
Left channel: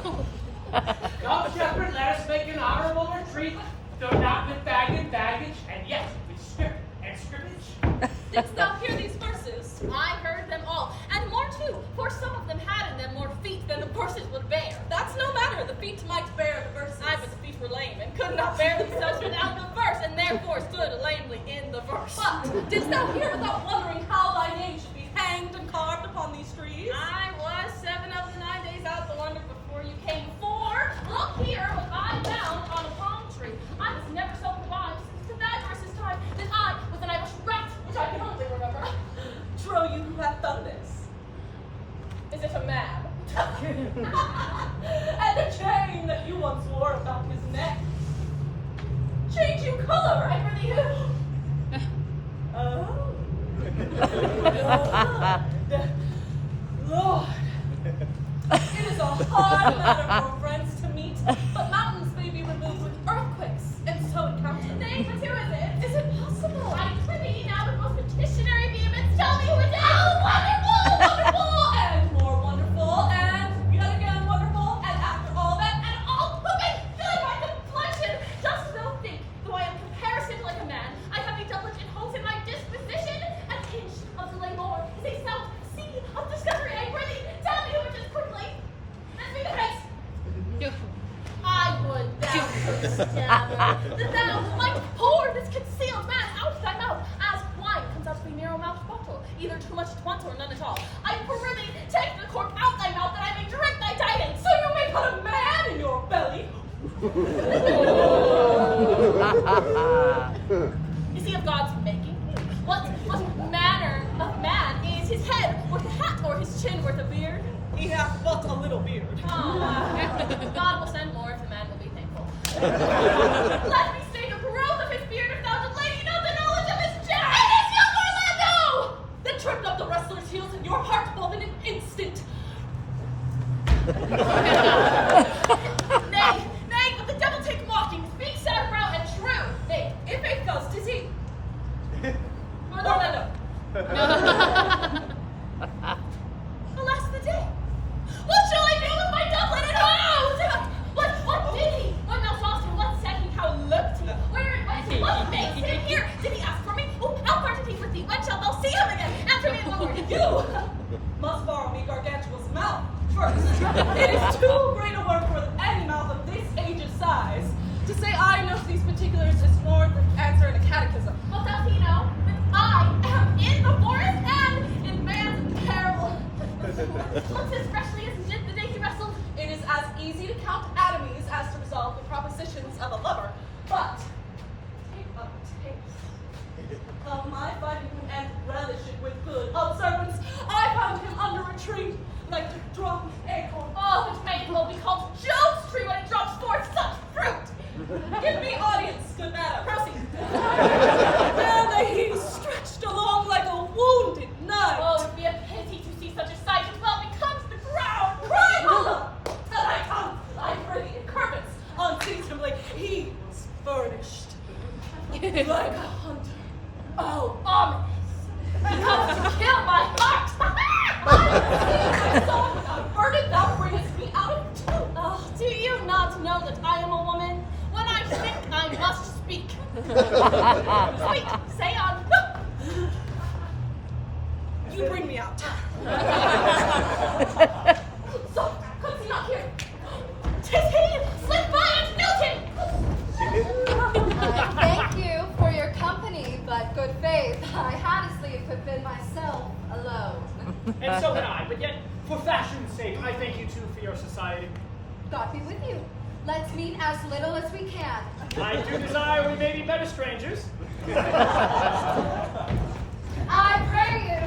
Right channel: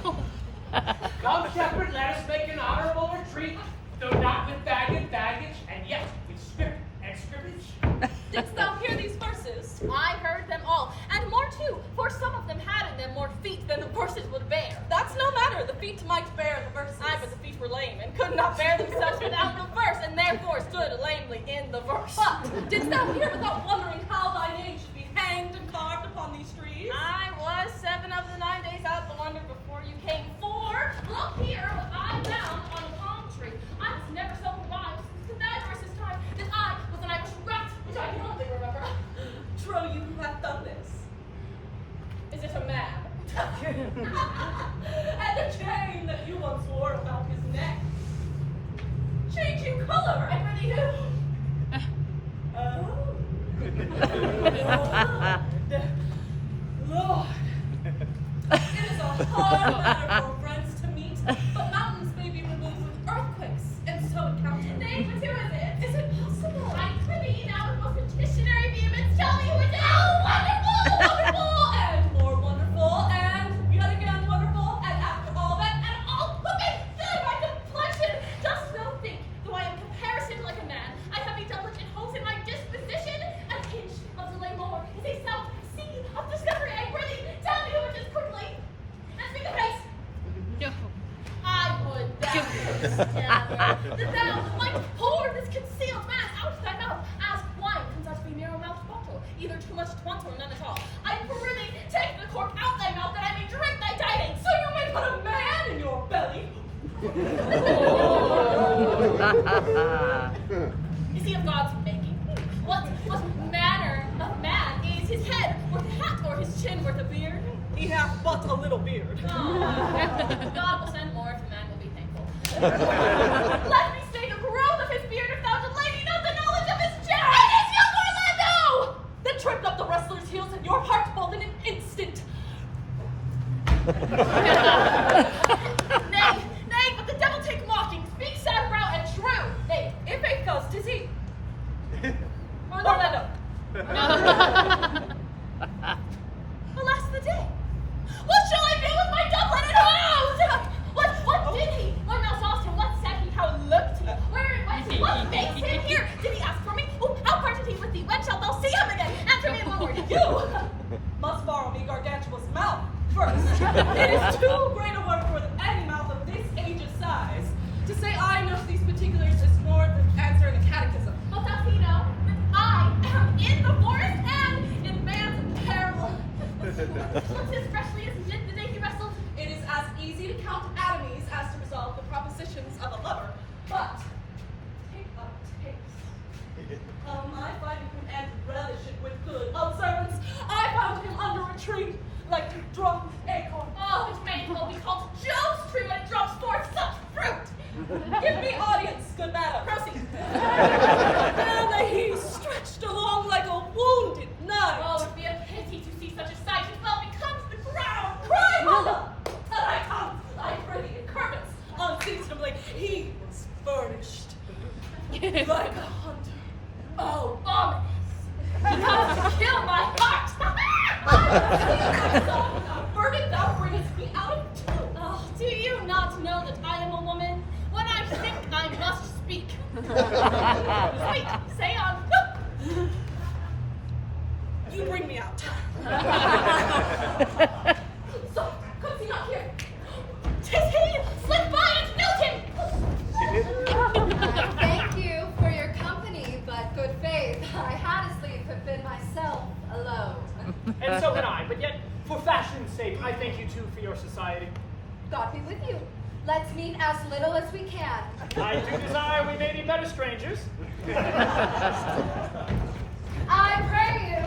Come, shepherd, let us make an honorable retreat, though not with bag and baggage, and yet with spirit and scrimmage. Didst thou hear these verses? I heard them all, and more too, for some of them had in them more feet than the verses would bear. That's no matter, the feet might bear the verses. Aye, but the feet were lame, and could not bear themselves without the verse, and therefore stood lamely in the verse. But didst thou hear without wondering how thy name should be hanged and carved upon these trees? I was 7 of the 9 days out the wonder before you came. For, look here, what I found on a palm tree. I was never so confined since to thy verses time that I was an Irish rat, which I can only remember. Trow you who hath done this. Is it a man? And the chain that you once wore about his neck. Changing color, I really Oh. Lord. It is a hard matter for friends to meet, but mountains may be removed with earthquakes, and so encountered. Nay, but who is it? Is it possible? I prithee now with most petitionary vehemence, tell me who it is. Oh, wonderful, wonderful, and more wonderful, and yet again wonderful, and after all that, And all pooping through my complexion. Dost thou think, though I am comparison like a man, I have a doublet and hose in my disposition? An inch of delay more is a south sea of discovery. I prithee, tell me who it is quickly. And speak of haste. I would thou couldst gather that thou might pour this concealed man out of thy mouth, as wine comes out of a narrow-mouthed bottle, either too much at once or none at all. I prithee, take the cork out thy mouth, that I may drink thy tidings. so you may put a man in your belly. Is he of God's making? What manner of man is his head worth a hat, or his chin worth a beard? He hath but a little beard. God will send more if the man will be thankful. Let me state the growth of his beard if thou did lady know the knowledge of his chin. It is you, Orlando! Then tripped up the wrestler's heels, and your heart pulled in an instant. Nay, but the devil take mocking. Speak sad brow and true. Nay, If it goes, 'tis he. Orlando. Alas the day. What shall I do with my doublet and hose? What did he? Lord Malsaucer, what said he? How look Like a hunter. Oh, ominous. He comes to kill my heart. I'm singing my song without burden that brings me out of tune. Oh, do you not know that I am a woman? When I think, I must speak. Speak, say on. You bring me out. So, comes he not here? 'Tis he! Slip by and milk him! Thank you for your company, but good faith, I had to sleep have been myself alone. And so can I, but yet, for fashion's sake, I thank you too for your society. God be with you. Let's meet as little as we can. I do desire we may be better strangers. I pray you,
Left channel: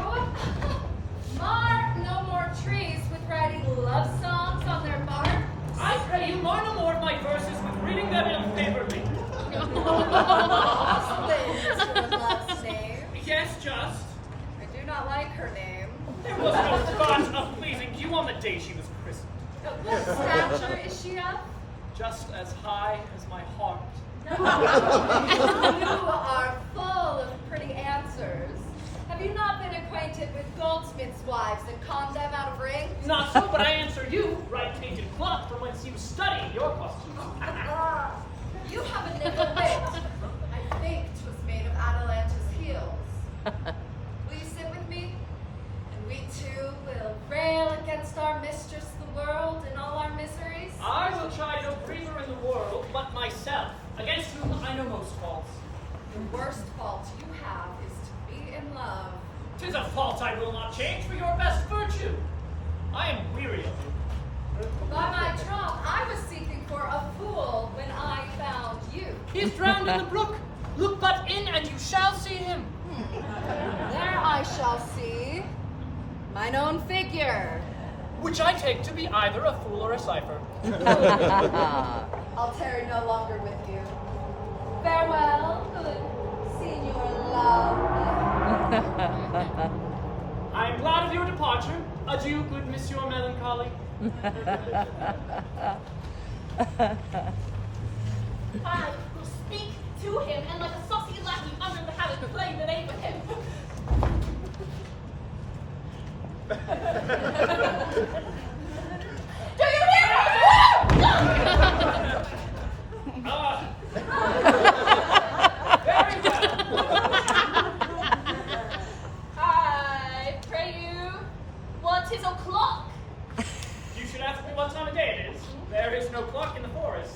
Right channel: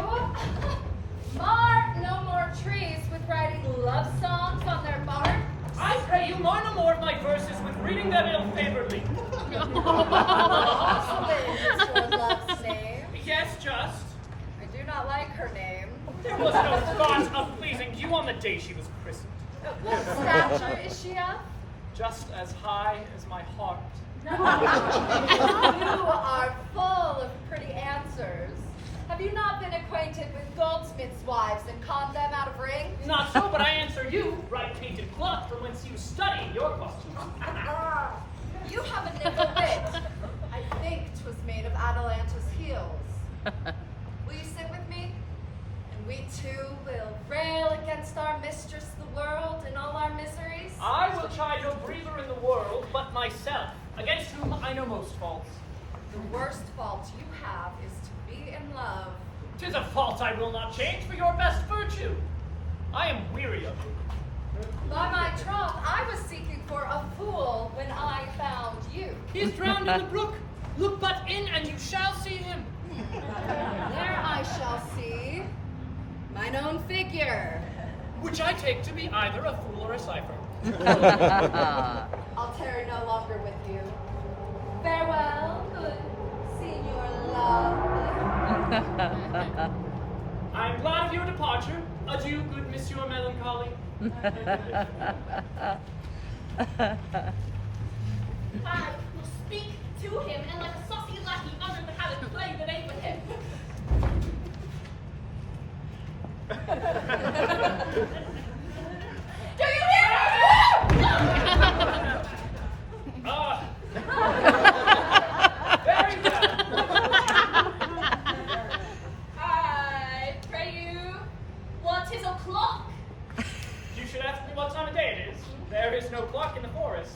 mar no more trees with writing love songs on their bark. I pray you mar no more of my verses with reading them ill-favoredly. Rosalind is your love's name. Yes, just. I do not like her name. There was no thought of pleasing you on the day she was christened. What stature is she of? Just as high as my heart. You are full of pretty answers. Have you not been acquainted with goldsmiths' wives and conned them out of rings? Not so, but I answer you, bright painted cloth from whence you study your questions. You have a nickel wit. I think 'twas made of Atalanta's heels. Will you sit with me? And we two will rail against our mistress the world and all our miseries? I will try no breather in the world but myself, against whom I know most faults. The worst fault you have is to be in love. 'Tis a fault I will not change for your best virtue. I am weary of you. By my troth, I was seeking for a fool when I found you. He is drowned in the brook. Look but in and you shall see him. There I shall see mine own figure. Which I take to be either a fool or a cipher. I'll tarry no longer with you. Farewell, good Signor Love. I am glad of your departure. Adieu, good Monsieur Melancholy. I will speak to him and like a saucy lackey under the habit play the name with him. Do you hear me? Very well. I pray you, what is o'clock? You should ask me what time of day it is. There is no clock in the forest.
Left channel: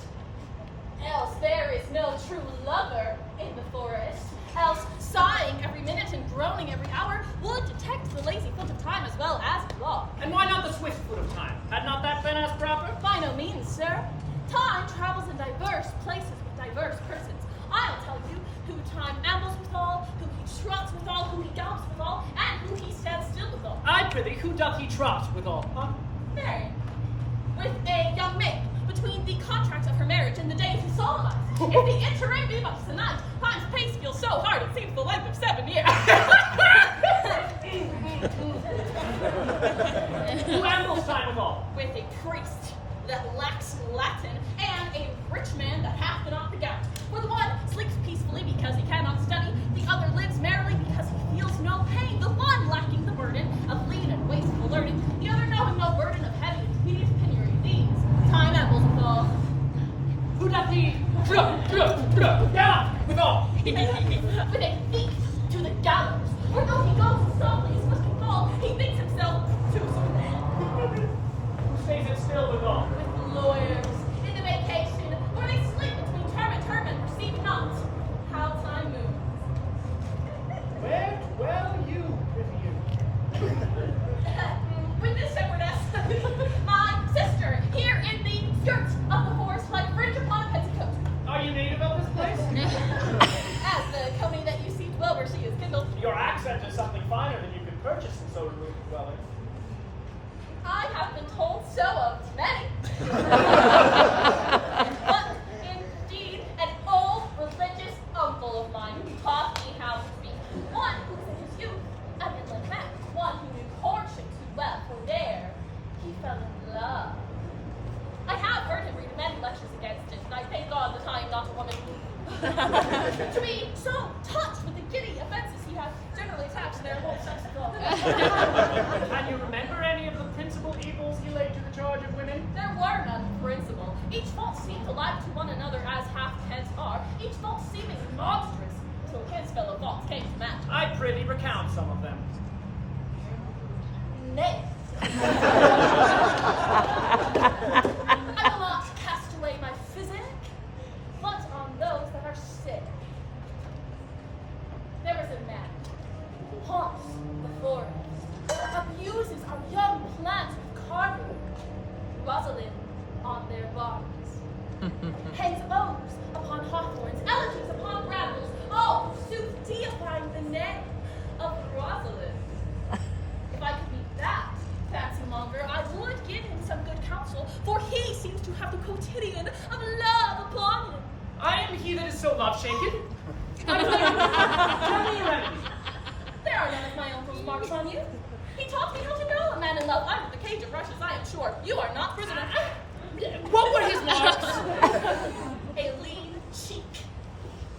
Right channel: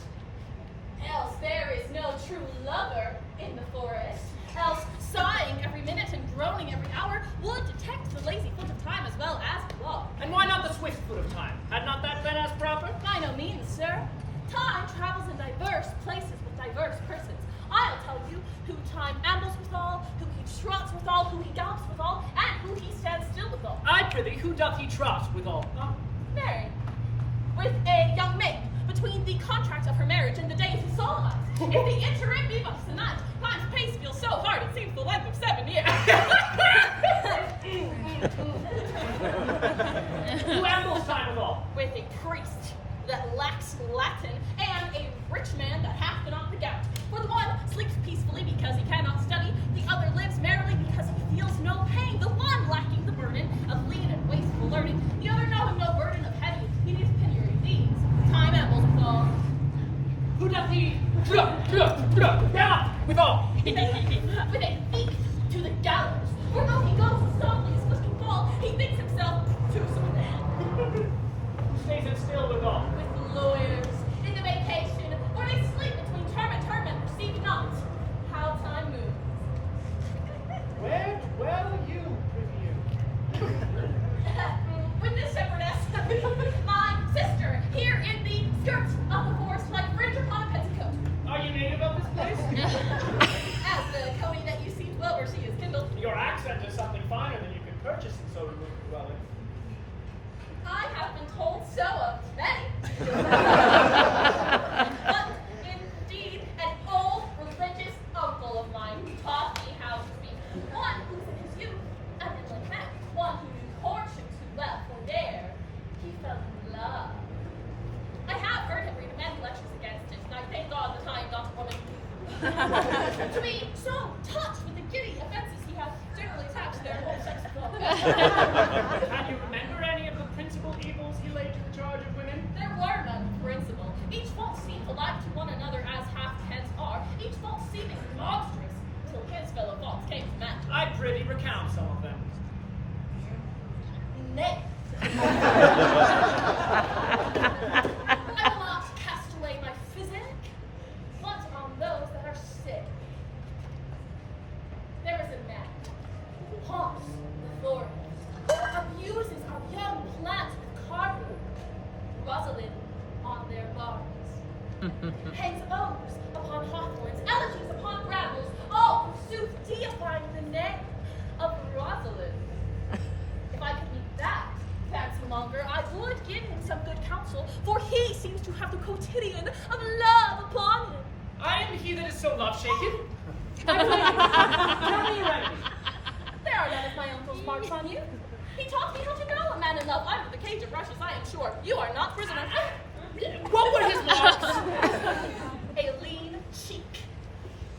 Else there is no true lover in the forest. Else sighing every minute and groaning every hour would detect the lazy foot of time as well as the law. And why not the swift foot of time? Had not that been as proper? By no means, sir. Time travels in diverse places with diverse persons. I'll tell you who time ambles withal, who he trots withal, who he gallops withal, and who he stands still withal. I prithee, who doth he trot withal? Huh? Married. With a young maid, between the contract of her marriage and the day to solemnize. If the interim be but tonight, time's pace feels so hard it seems the length of 7 years. Who ambles time withal? With a priest that lacks Latin, and a rich man that hath not the gout. For the one sleeps peacefully because he cannot study, the other lives merrily because he feels no pain. The one lacking the burden of lean and wasteful learning, the other knowing no burden of heavy and tedious penury. These time ambles withal. Who doth he down withal? With a thief to the gallows. For though he goes softly as foot can fall, he thinks himself too soon. Who stays it still withal? With lawyers in the vacation, where they sleep between term and perceive not how time moves. Where dwell you, prithee you? With this shepherdess, my sister, here in the skirts of the forest, like fringe upon a petticoat. Are you native of this place? As the coming that you see well where she is kindled. Your accent is something finer than you could purchase in so remote a dwelling. I have been told so of many. But indeed, an old religious uncle of mine who taught me how to speak. One who in his youth had been like that. One who knew courtship too well, for there he fell in love. I have heard him read many lectures against it, and I thank God that I am not a woman. To be so touched with the giddy offenses he has generally attached to their whole sexical. Can you remember any of the principal evils he laid to the charge of women? There were none principal. Each fault seemed alike to one another as half-heads are, each fault seeming monstrous, until his fellow faults came to match. I prithee recount some of them. Nay. I will not cast away my physic, but on those that are sick. There is a man who haunts the forest, abuses our young plants with carving, Rosalind on their barns, hangs bows upon hawthorns, elegies upon brambles, all forsooth deifying the name of Rosalind. If I could meet that fancy monger, I would give him some good counsel, for he seems to have the quotidian of love upon him. I am he that is so love-shaken. I pray you, tell me your remedy. There are none of my uncle's marks on you. He taught me how to know a man in love under the cage of rushes. I am sure you are not prisoner. What were his marks? A lean cheek,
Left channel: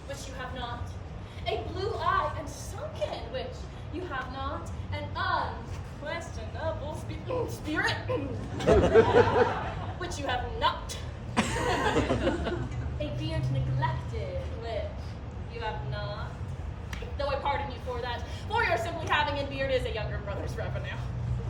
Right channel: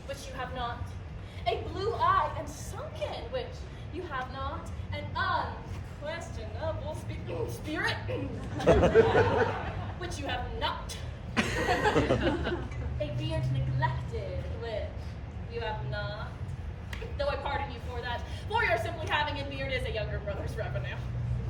which you have not. A blue eye and sunken, which you have not. An unquestionable spirit, which you have not. A beard neglected, which you have not. Though I pardon you for that, for your simply having a beard is a younger brother's revenue.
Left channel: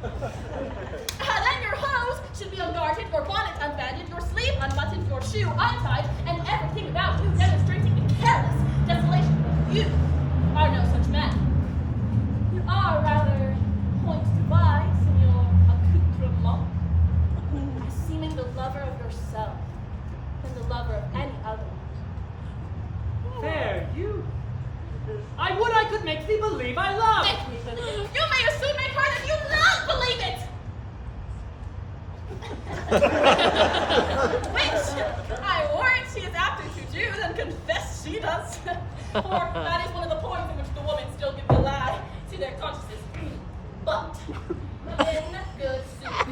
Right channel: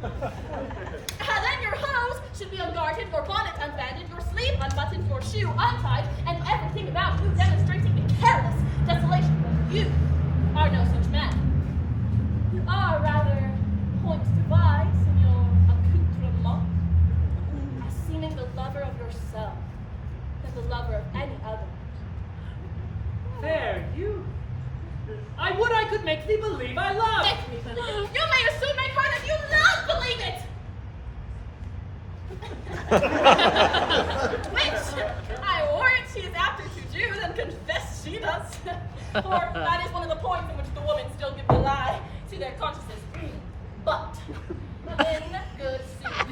Then your hose should be unguarded, your bonnet unbanded, your sleeve unbuttoned, your shoe untied, and everything about you demonstrating a careless desolation. But you are no such man. You are rather point device in your accoutrement, as seeming the lover of yourself than the lover of any other. There, you. I would I could make thee believe I love. Make me believe it. You may as soon make her that you love believe it. Which I warrant she is apter to do than confess she does. For that is one of the points in which the women still give the lie to their consciences. But in good sooth,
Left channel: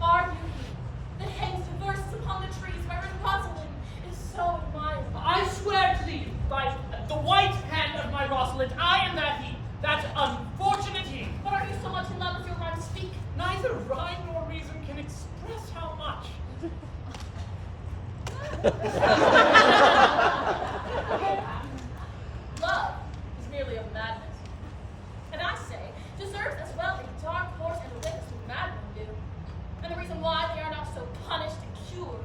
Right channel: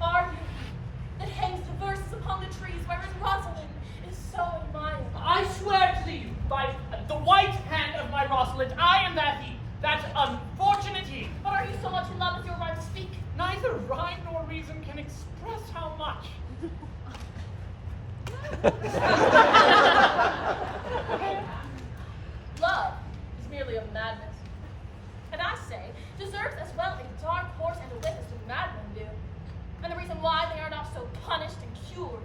are you he that hangs the verses upon the trees wherein Rosalind is so admired? I swear to thee, by the white hand of my Rosalind, I am that he, that unfortunate he. But are you so much in love with your right to speak? Neither rhyme nor reason can express how much. Love is merely a madness. And I say, deserves as well a dark horse and a witness to madmen do. And the reason why they are not so punished and cured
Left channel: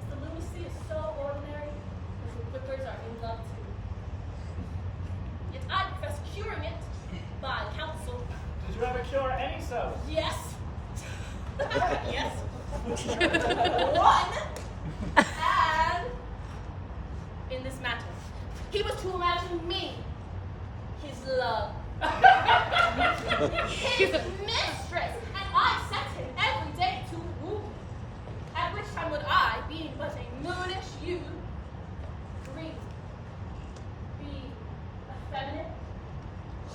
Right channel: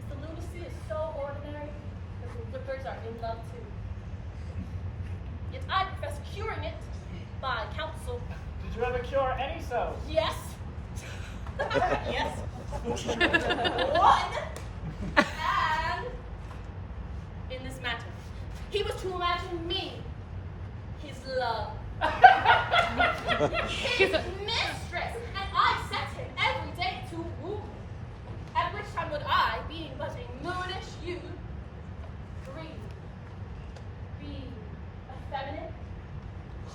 is the lunacy is so ordinary that the whippers are in love too. Yet I profess curing it by counsel. Did you ever cure any so? Yes. Yes. One. And in this matter, he was to imagine me, his love, his mistress, and I set him every day to woo me. At which time would I, being but a moonish youth, grieve, be effeminate,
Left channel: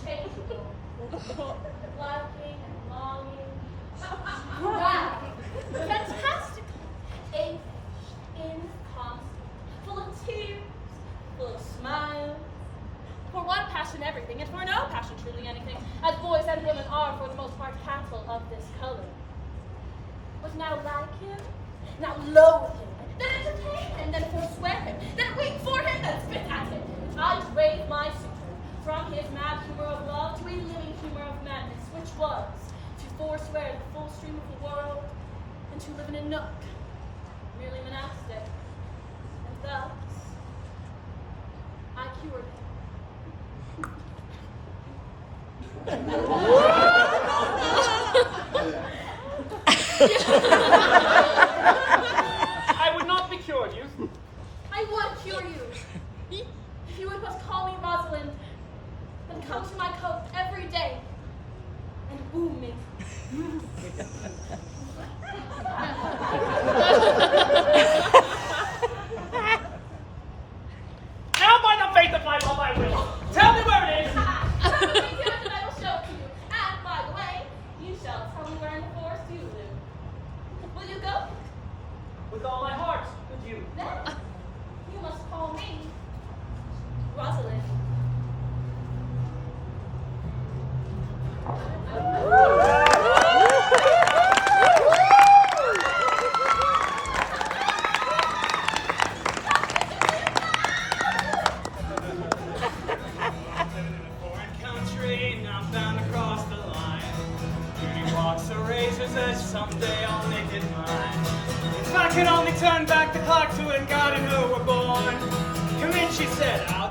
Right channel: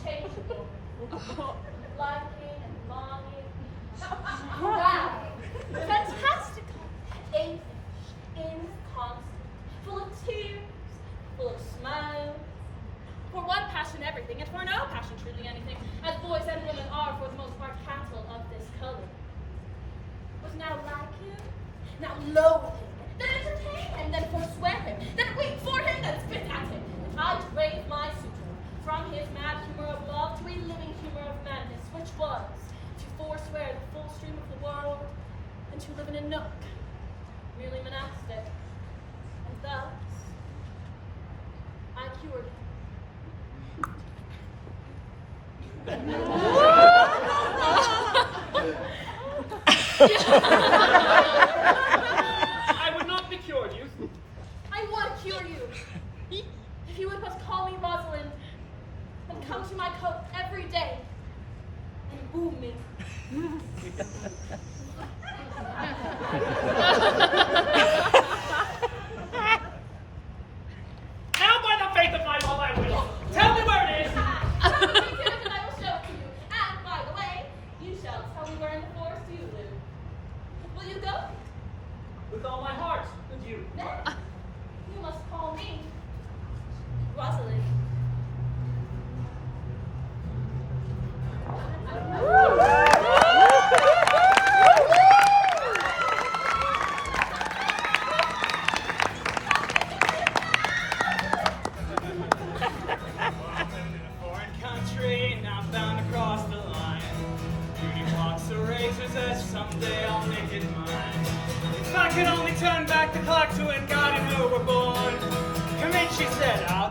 changeable, liking and longing, proud, fantastical, ape, inconstant, full of tears, full of smiles. For one passion everything, and for no passion truly anything, as boys and women are for the most part cattle of this color. But now like him, now loathe him, then entertain him, then forswear him, then weep for him, then spit at him. I drave my suitor from his mad humor of love to a living humor of madness, which was to forswear the full stream of the world and to live in a nook, merely monastic. And thus, I cured him. I would not be cured, youth. I would cure you. If you would but call me Rosalind and come to my coat every day and woo me. Now by the faith of my love I will. Tell me where it is. Come with me to it and I will show it to you. And by the way, you shall tell me where in the forest you live. Will you go? With all my heart, good you. Then you must call me Rosalind. Country, now I'm bound across the line. Beauty walks the races as someday I'll make it mine. If I could only turn back the clock to when God and her were born. Come in, she said, I'll